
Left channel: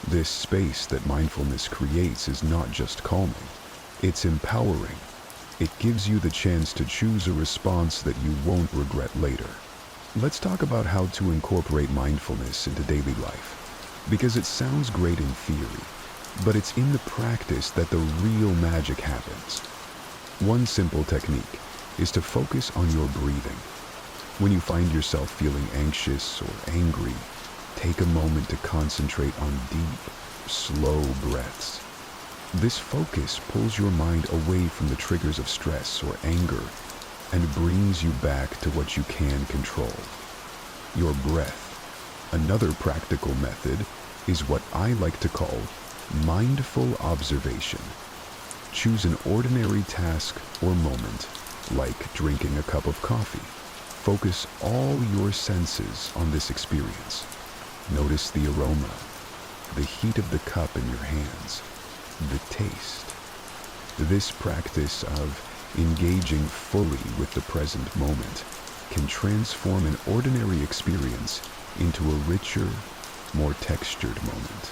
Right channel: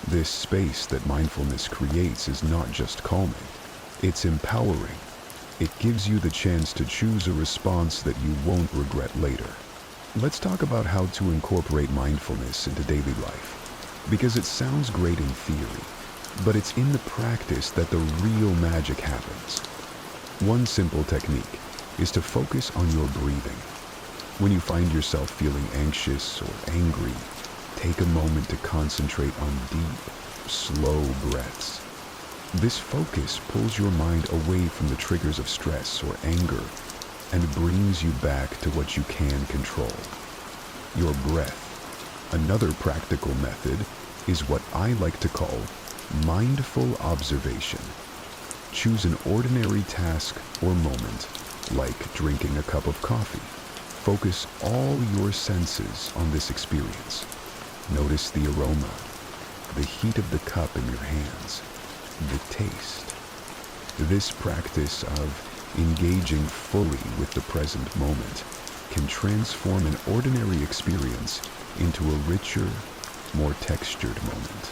This space that mindfulness creates is not just calming, it's empowering. It gives you the chance to choose a response that you won't regret later. Let's talk about how to incorporate mindfulness into daily life, because it sounds great in theory, but it's in the practice that the real magic happens. One simple technique is to focus on your breathing. When you find yourself feeling anxious or angry, take a moment to concentrate on deep, slow breaths. This focus pulls your mind away from the triggers of stress or anger and brings you back to what you can control, your breath. Another practical method is what I like to call mindful observation. Choose an ordinary task or moment, like drinking a cup of coffee. Focus all your senses on this experience. Notice the aroma, the heat of the cup in your hands, the taste. This practice of engaging fully with the present moment can transform an ordinary experience into a richer, more textured moment.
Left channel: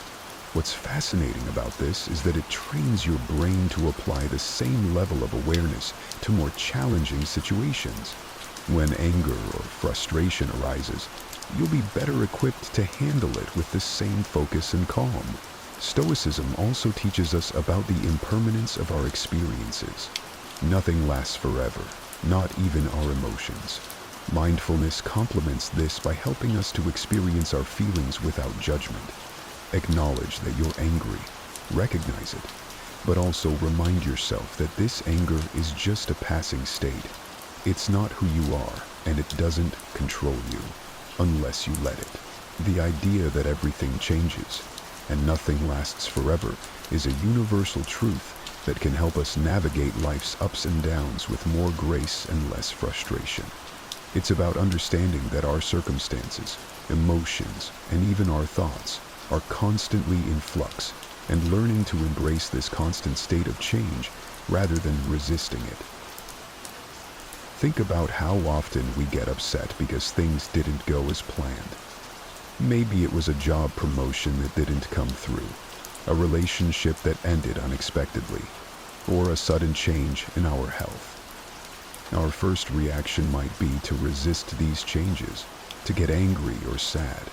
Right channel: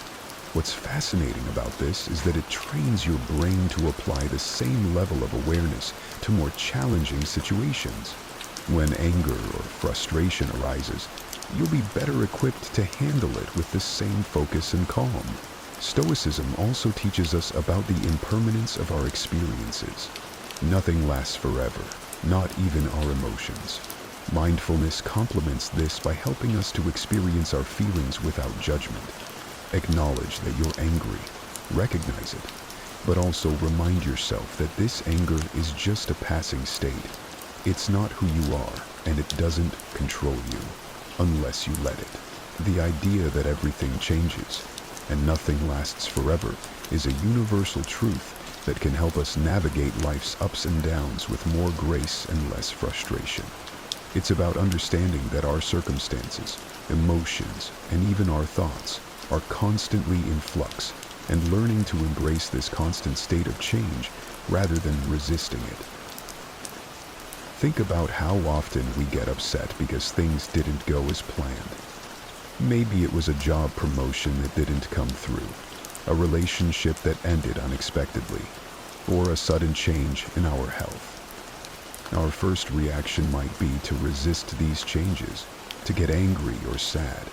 What's fascinating about this is that it trains your brain to apply the same level of awareness to more challenging situations. When anger or frustration arises, you'll be better equipped to handle it with the same focus and calm. Stoicism also teaches us about the impermanence of our experiences. Nothing lasts forever, not even our emotions. Mindfulness complements this by helping us to experience our feelings without judgment. Acknowledge that you're angry, recognize it, but also remind yourself that this anger is just a passing state. It's not who you are, and it doesn't control you, unless you let it. The idea that everything changes and nothing lasts forever is a universal truth that can help us navigate life's ups and downs with more grace and less frustration. It's about understanding that our circumstances, emotions, and even our thoughts are constantly in flux, and learning to embrace this constant state of change rather than resisting it. Think about how often we get upset because things didn't go as planned. Maybe it was a job promotion that didn't come through, a relationship that ended unexpectedly, or a sudden change in our health. Our first reaction might be to resist these changes, to get angry or sad.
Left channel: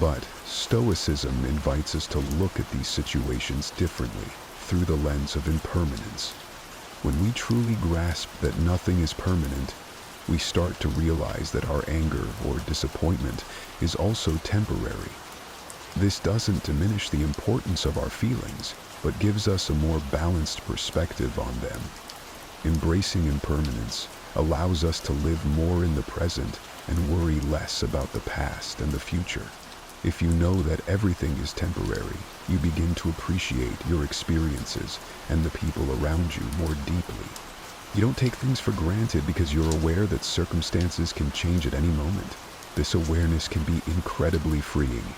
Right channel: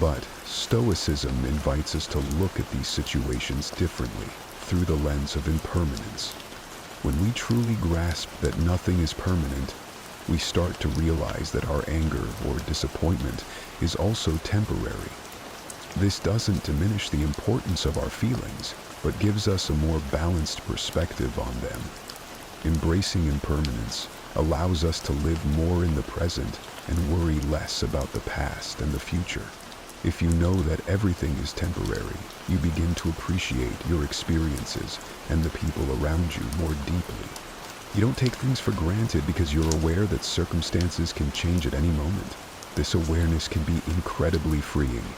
But Stoicism invites us to look at these situations differently, through the lens of impermanence. When we truly grasp that nothing is permanent, we start to realize that our anger or disappointment is also temporary. This doesn't diminish the importance of our feelings, but gives us a more balanced perspective on them. Embracing impermanence allows us to live more in the present and worry less about the past and the future. If you know that everything is temporary, you begin to appreciate your experiences and the people around you more deeply. You don't take things for granted because you're aware that circumstances can change at any moment. This awareness can be incredibly freeing.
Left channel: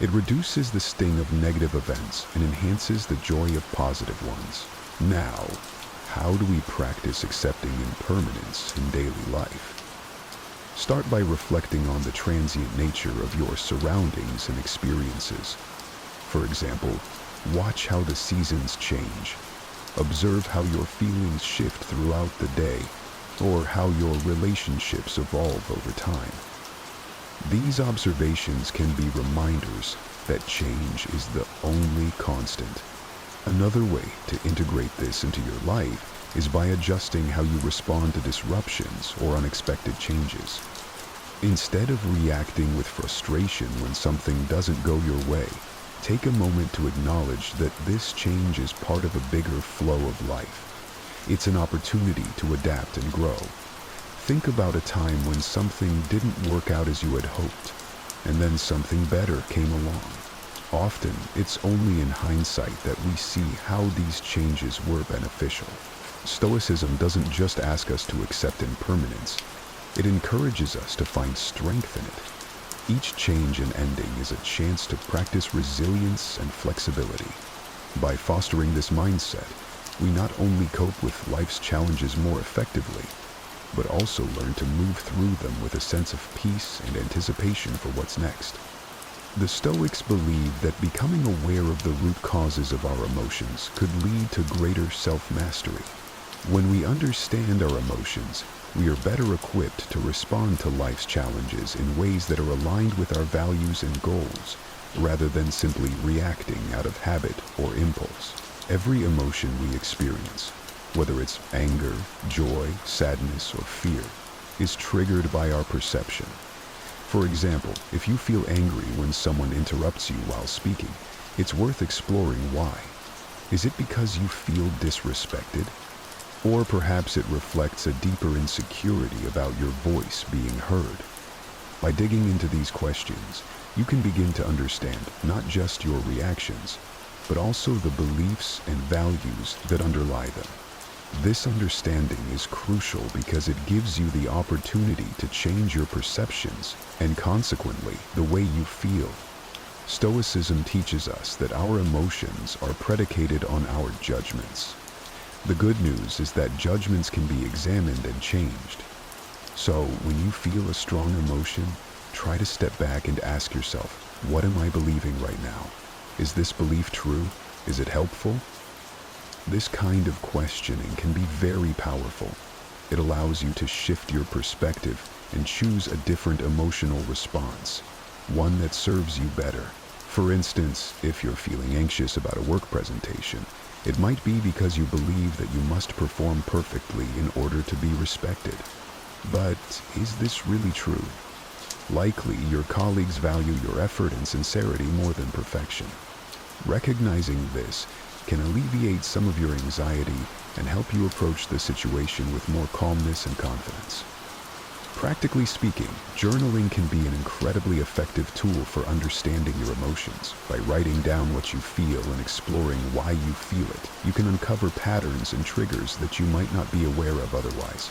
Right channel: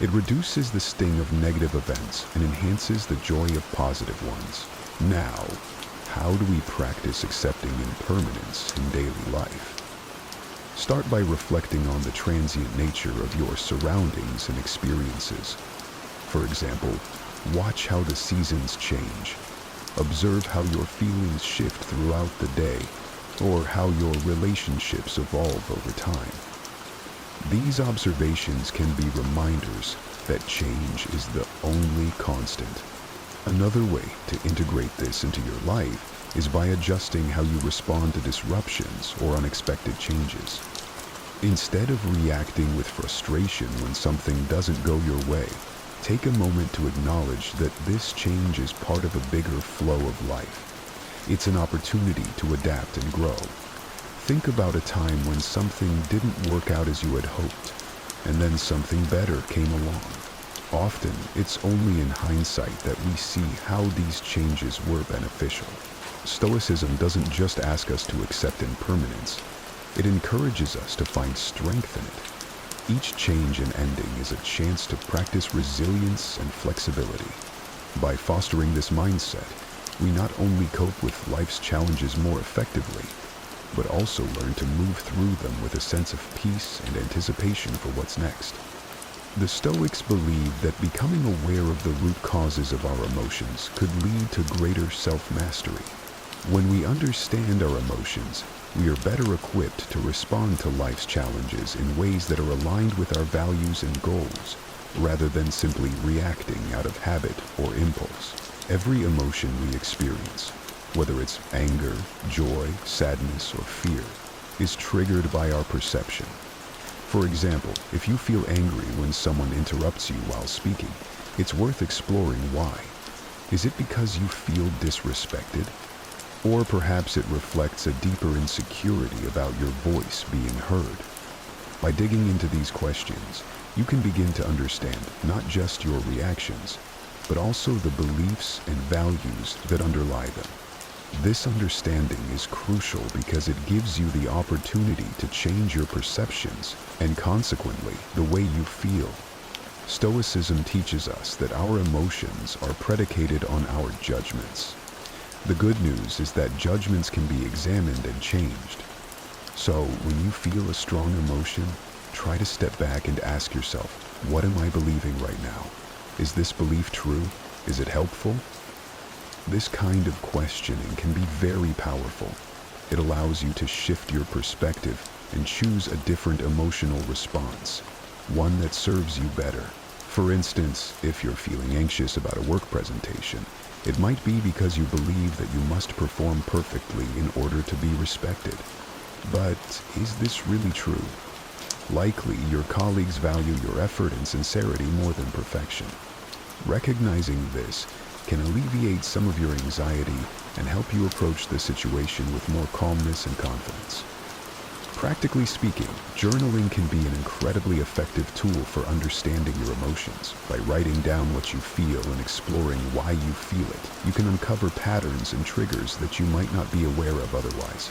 It reduces the sting of negative events and enhances the joy of positive ones. Now, how do we practice accepting impermanence in daily life? Start by reflecting on the transient nature of your surroundings and experiences. For example, watch how the seasons change. Observe how your feelings shift throughout the day, or how your relationships evolve over time. These observations can be reminders that change is the only constant. Another way to integrate this into your life is by adjusting how you respond to disruptions or unexpected changes. Instead of reacting with frustration when something doesn't go your way, take a moment to acknowledge that this change is part of a bigger flow of life. It's an opportunity to adapt and grow. Think about a time when something didn't work out as you had hoped, and then something better came along. Often, it's only in hindsight that we see how these changes were beneficial. Stoicism doesn't just ask us to accept impermanence, it encourages us to find strength in it. Each change and ending is a chance to practice resilience and flexibility. By fostering this mindset, we not only cope with life's challenges more effectively, but also learn to move through them with a sense of peace and anticipation for what's next. The Stoics believe that becoming aware of the root causes of our emotions could lead to greater self-mastery. When we understand our emotions, we are better equipped to respond to life's challenges in ways that are aligned with our values and goals, rather than simply reacting out of habit or impulse. Every emotion we experience, whether it's anger, joy, sadness, or fear, is triggered by our perception. For example, if you feel angry when someone interrupts you while speaking, it's worth exploring why. Is it because you feel disrespected? Or perhaps it reflects a deeper insecurity about your voice being heard. By digging into these questions, you can begin to understand not just your reactions, but also the beliefs and values that underlie them. This understanding is crucial because it gives you the opportunity to change your perceptions and consequently the way you feel. Stoicism teaches us that our emotions are predicated on our judgments. The good news is that judgments can be examined and changed. So, when you feel a strong emotion, try to step back and ask yourself, what am I believing right now? Is this belief true? Is it helpful? This kind of questioning can be very powerful. It allows you to shift your perspective and choose a different emotional response, one that serves you better. For instance, if you're feeling anxious about a work presentation, it might be because you believe that you must perform perfectly in order to be respected. But is this really true? Likely, your colleagues value your effort and sincerity more than perfection. Recognizing this can alleviate some of your anxiety and help you approach the situation with more calmness and confidence. Practically speaking, journaling can be an incredibly effective tool for understanding your emotions. By writing down what you feel and exploring why you feel it, you can uncover patterns and triggers that you might not be aware of otherwise.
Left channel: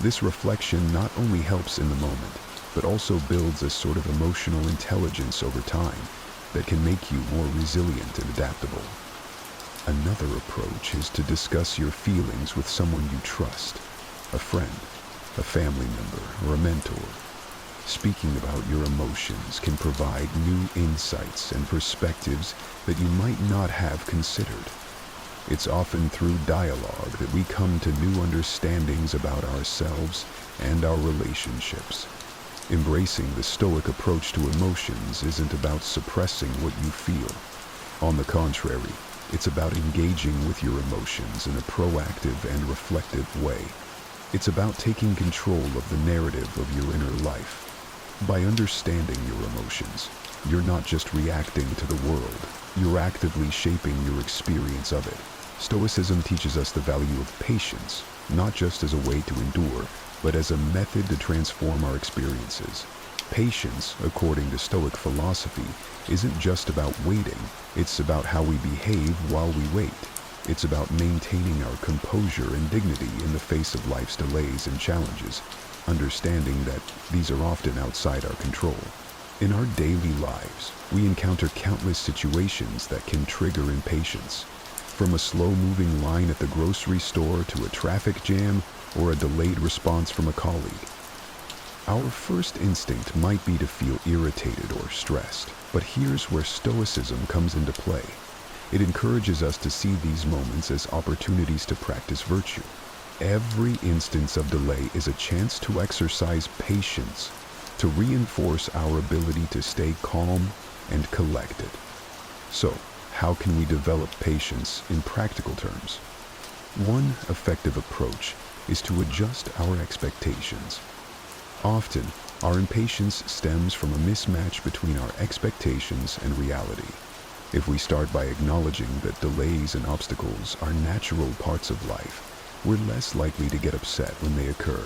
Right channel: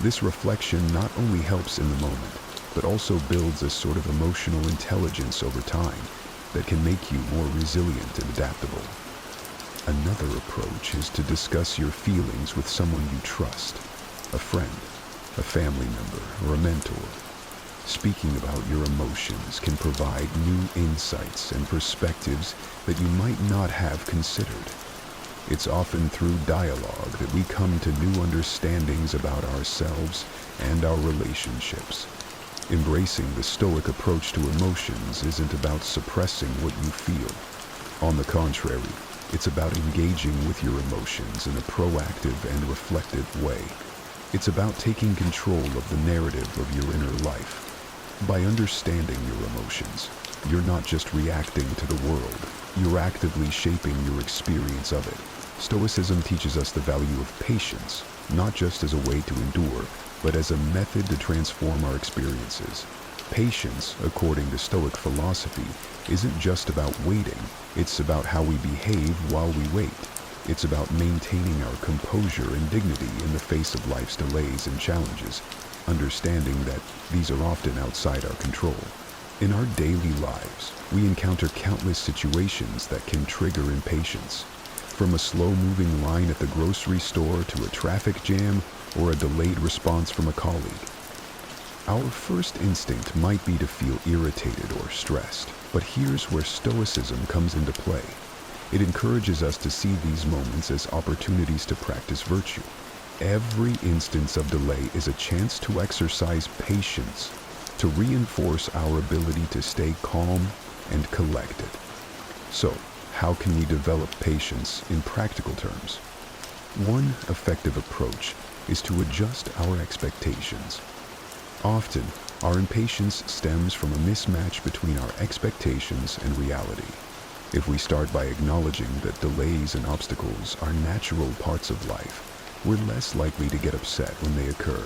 This reflection not only helps in the moment, but also builds a sort of emotional intelligence over time that can make you more resilient and adaptable. Another approach is to discuss your feelings with someone you trust, a friend, a family member, or a mentor. Speaking about your emotions can provide new insights and perspectives that you might not have considered. It's often through dialogue that we come to new understandings about ourselves and our relationships. Embracing the Stoic approach to emotions isn't about suppressing what you feel. On the contrary, it's about engaging with your emotions in a proactive and reflective way. It's about taking control of the narrative of your inner life. By understanding your emotions, you're not just reacting to the world, you're actively shaping your experience of it. Stoicism teaches us the value of patience, not just as a way to endure, but as a method to transform our experiences. Patience, according to Stoic philosophy, isn't just about waiting, it's about how we behave while we wait. It's about maintaining our composure and dignity in the face of life's delays and challenges, understanding that these are often outside our control. In our daily lives, we encounter countless situations that can trigger impatience, from a slow-moving line at the grocery store to a traffic jam or a delayed response from a colleague. Our first instinct might be to feel irritated or stressed, but here's where Stoicism comes into play. It encourages us to see these moments as opportunities to practice virtue. Every instance of delay is a chance to exercise patience, to reinforce our ability to stay calm and collected. So, how can we develop patience in practical terms? One effective approach is to adjust our expectations. Often, our impatience stems from a mismatch between our expectations and reality. If we start by acknowledging that delays and obstacles are natural parts of life, we're less likely to get upset when they occur.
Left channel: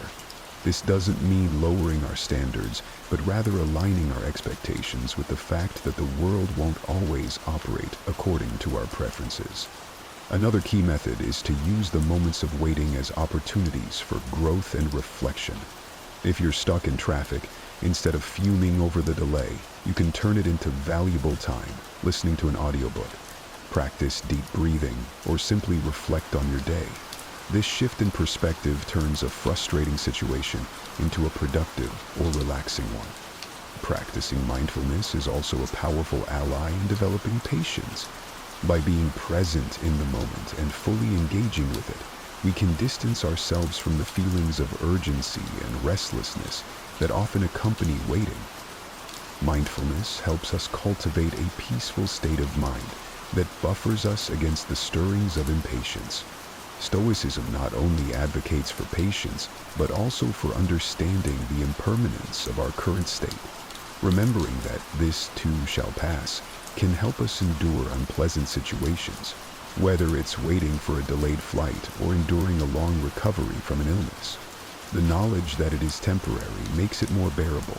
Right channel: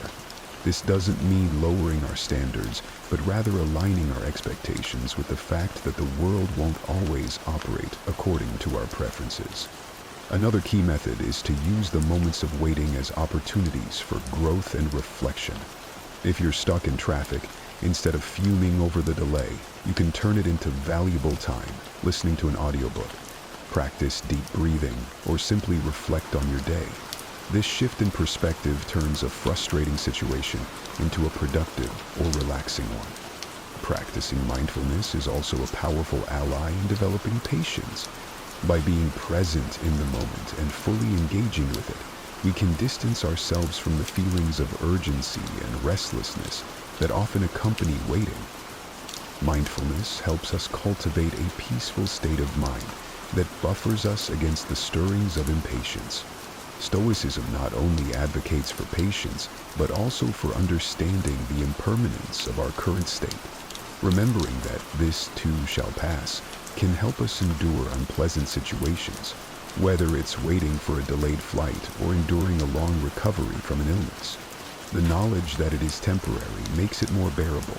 This doesn't mean lowering our standards, but rather aligning our expectations with the fact that the world won't always operate according to our preferences. Another key method is to use the moments of waiting as opportunities for growth and reflection. If you're stuck in traffic, instead of fuming over the delay, you can turn it into valuable time, listening to an audiobook, practice deep breathing, or simply reflect on your day. This shift in perspective turns a frustrating situation into a productive or relaxing one. Practicing mindfulness is also a powerful ally in developing patience. By being present in the moment and fully engaging with it, we can distance ourselves from the feelings of urgency and restlessness that often accompany waiting. Mindfulness helps us cultivate a peaceful state of mind that buffers us against the stirrings of impatience. Stoicism not only advocates for patience, but also for understanding the impermanence of our current state. Remembering that this too shall pass can help us endure unpleasant situations, whether it's waiting for a delayed flight or enduring a long recovery from an illness. The knowledge that it is temporary makes it more bearable.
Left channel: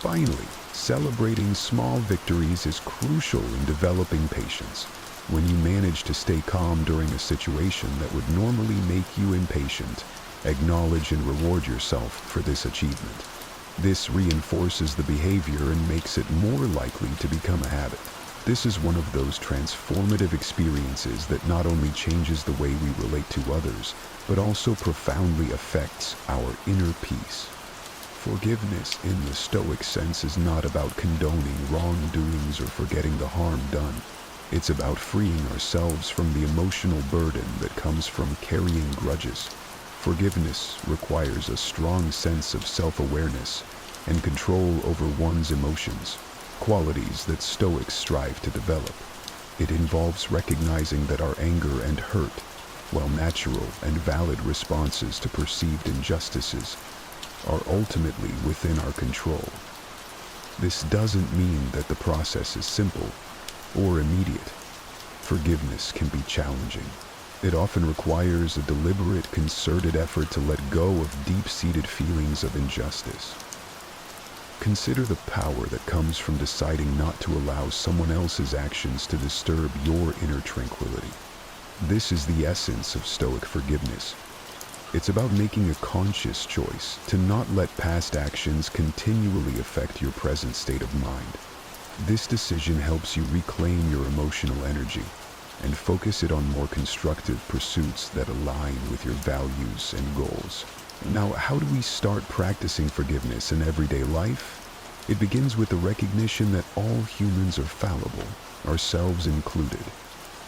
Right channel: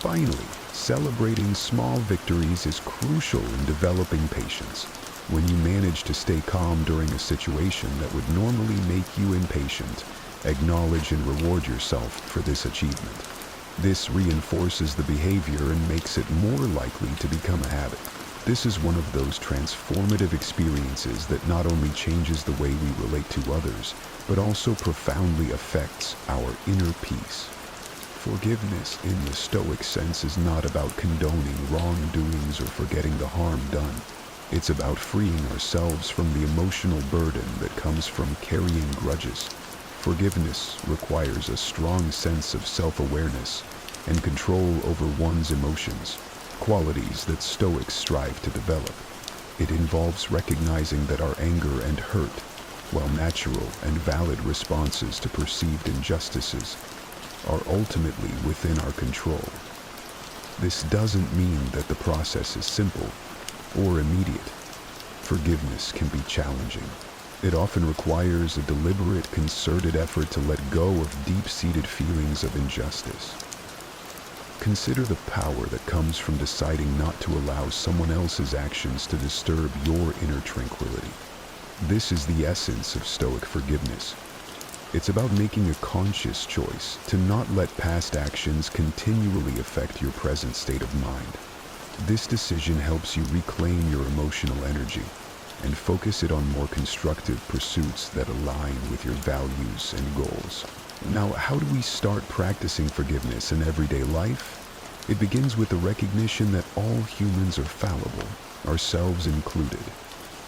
Finally, celebrating small victories is crucial in developing patience. When you manage to stay calm during a situation that would normally make you impatient, acknowledge and reward yourself for this achievement. This reinforces the behavior and makes it more likely to become a habit. This is one of those transformative experiences that not only changes the way we relate to others, but also profoundly affects our inner peace. Forgiveness in the Stoic sense is not about condoning wrongdoings or forgetting the harm done. It's about freeing ourselves from the emotional burden that comes from carrying grudges. Forgiveness requires a strong sense of self-awareness and control over one's emotions, qualities that Stoics strive to develop. It involves recognizing that our anger and hurt, while natural and valid responses to perceived injustices, are ultimately within our control. This doesn't mean that the process is simple or immediate. Forgiveness can be challenging. It often requires a deliberate, concerted effort to let go of deep-seated feelings of injustice. Consider the power that comes from deciding not to allow someone else's actions to disturb your inner tranquility. This is the essence of Stoic forgiveness. It's about making a conscious choice to not let past actions continually affect your present state of mind. This decision helps you reclaim your emotional energy and focus it on more constructive pursuits that align with your values and goals. Now, how do we start practicing forgiveness in everyday life? It begins with the recognition that all humans are fallible, ourselves included.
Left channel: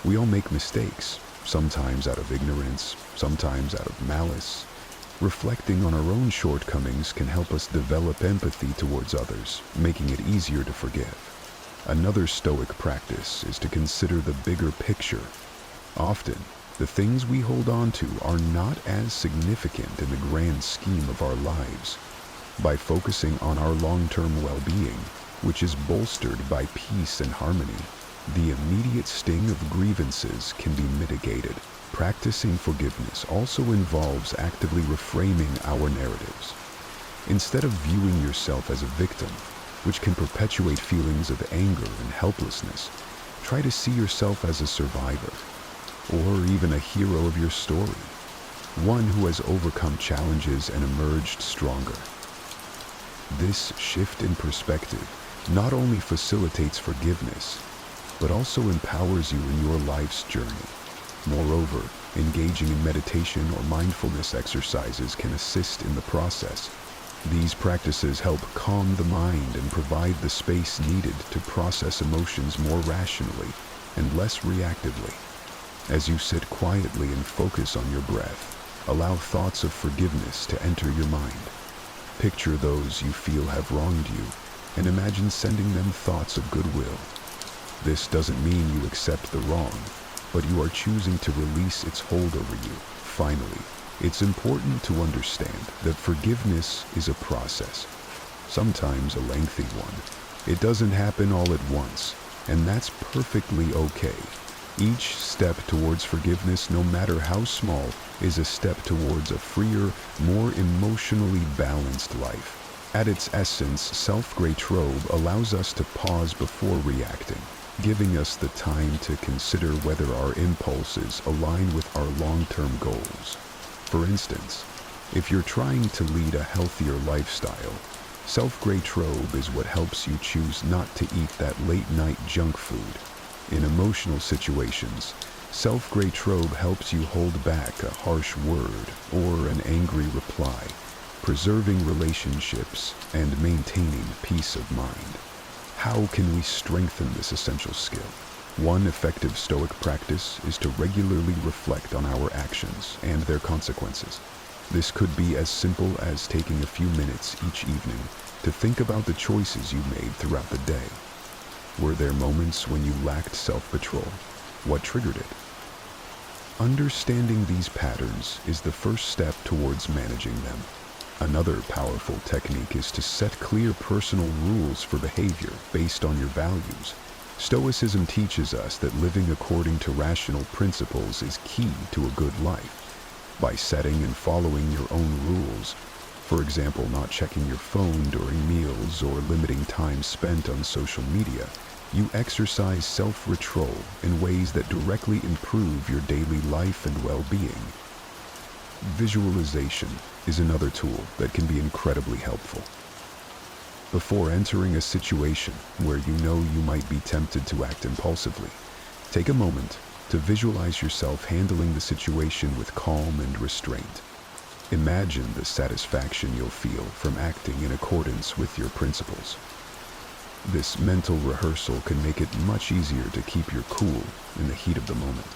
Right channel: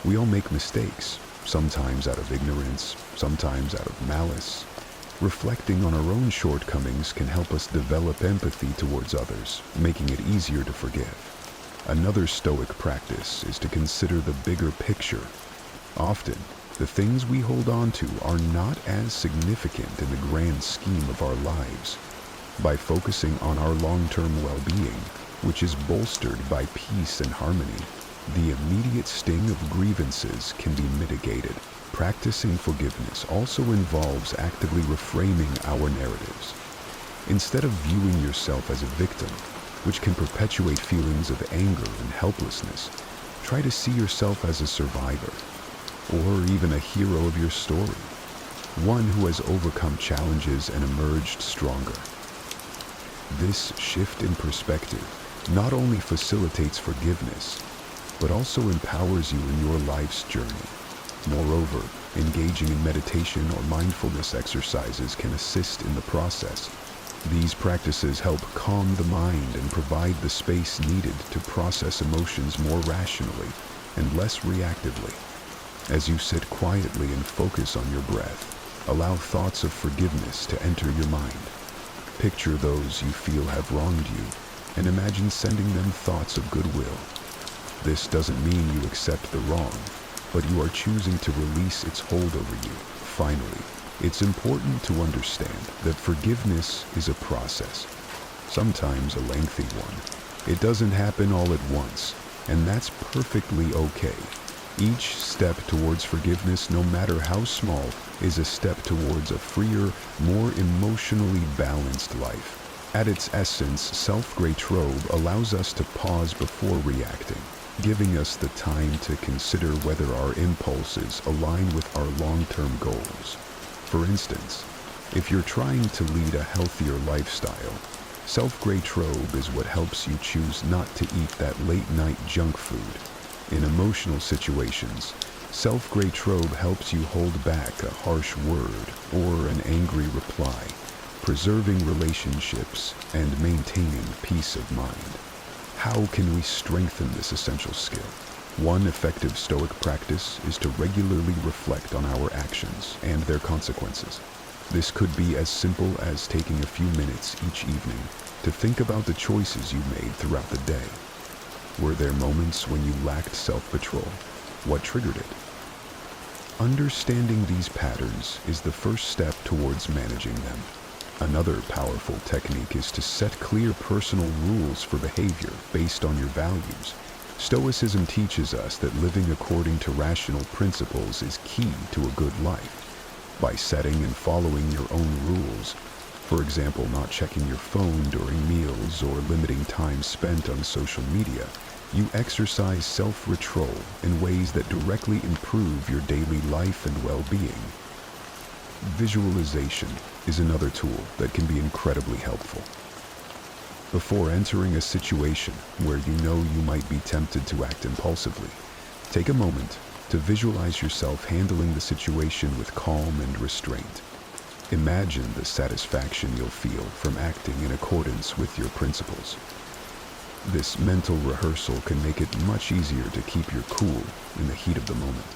We all make mistakes, sometimes out of ignorance, sometimes out of malice. Reflecting on our own shortcomings can help us develop empathy towards others, making it easier to forgive. Another Stoic practice is to consider the bigger picture. Often, the things we hold on to are not as significant in the grand scheme of our lives. By focusing on our long-term well-being, which is bolstered by peace and harmony, the immediate sting of grievances can be mitigated. Practicing forgiveness also involves actively reframing our narratives. Instead of viewing yourself as a victim, which can perpetuate feelings of anger and helplessness, try to see yourself as a survivor, or even a hero of your story, one who has overcome challenges and emerged stronger. This shift in perspective not only facilitates forgiveness, but also empowers you in your life's journey. Moreover, engaging in meditation or mindfulness exercises can assist in the process. These practices help calm the mind and provide the space needed to process emotions more rationally and less reactively. As you sit quietly and focus on your breath, allow thoughts of forgiveness to enter your mind. Picture those you feel have wronged you and imagine sending them thoughts of goodwill. This doesn't mean you accept the wrong, but you are choosing to release its hold over you. Finally, it's important to understand that forgiveness is a process, sometimes a lengthy one. It doesn't happen all at once, and that's perfectly okay. Each step towards forgiveness, no matter how small, is a step towards a freer, more emotionally balanced life. At its essence, self-gratrobe allows us to pause before reacting, giving us the time to consider whether our impulses align with our long-term goals. For instance, if you're trying to lead a healthier lifestyle, self-gratrobe is what helps you choose not to eat that late-night junk food. In emotional situations, self-gratrobe helps you hold back a harsh word or an angry reply, preserving relationships and maintaining peace of mind. How can we strengthen this essential skill? One effective Stoic practice is to regularly reflect on our actions and their consequences. This could be as simple as taking a few minutes each evening to think about the choices you made throughout the day. Were there moments when you lacked self-control? What triggered it? Understanding these patterns is the first step towards managing them. Another powerful technique is to set clear personal rules for behavior based on your values. Stoicism teaches us that living according to rational principles is key to a good life. By setting and following your own rules, for example, not checking your phone during meals or limiting time spent on social media, you exercise self-control in ways that directly improve your daily life and well-being. Visualization is another tool that can be incredibly helpful. Before entering a situation where you know you might be tempted to act impulsively, take a moment to visualize yourself handling the situation with calm and restraint. Imagine the satisfaction you'll feel from acting in accordance with your principles. This mental rehearsal can make it much easier to keep your cool in the heat of the moment.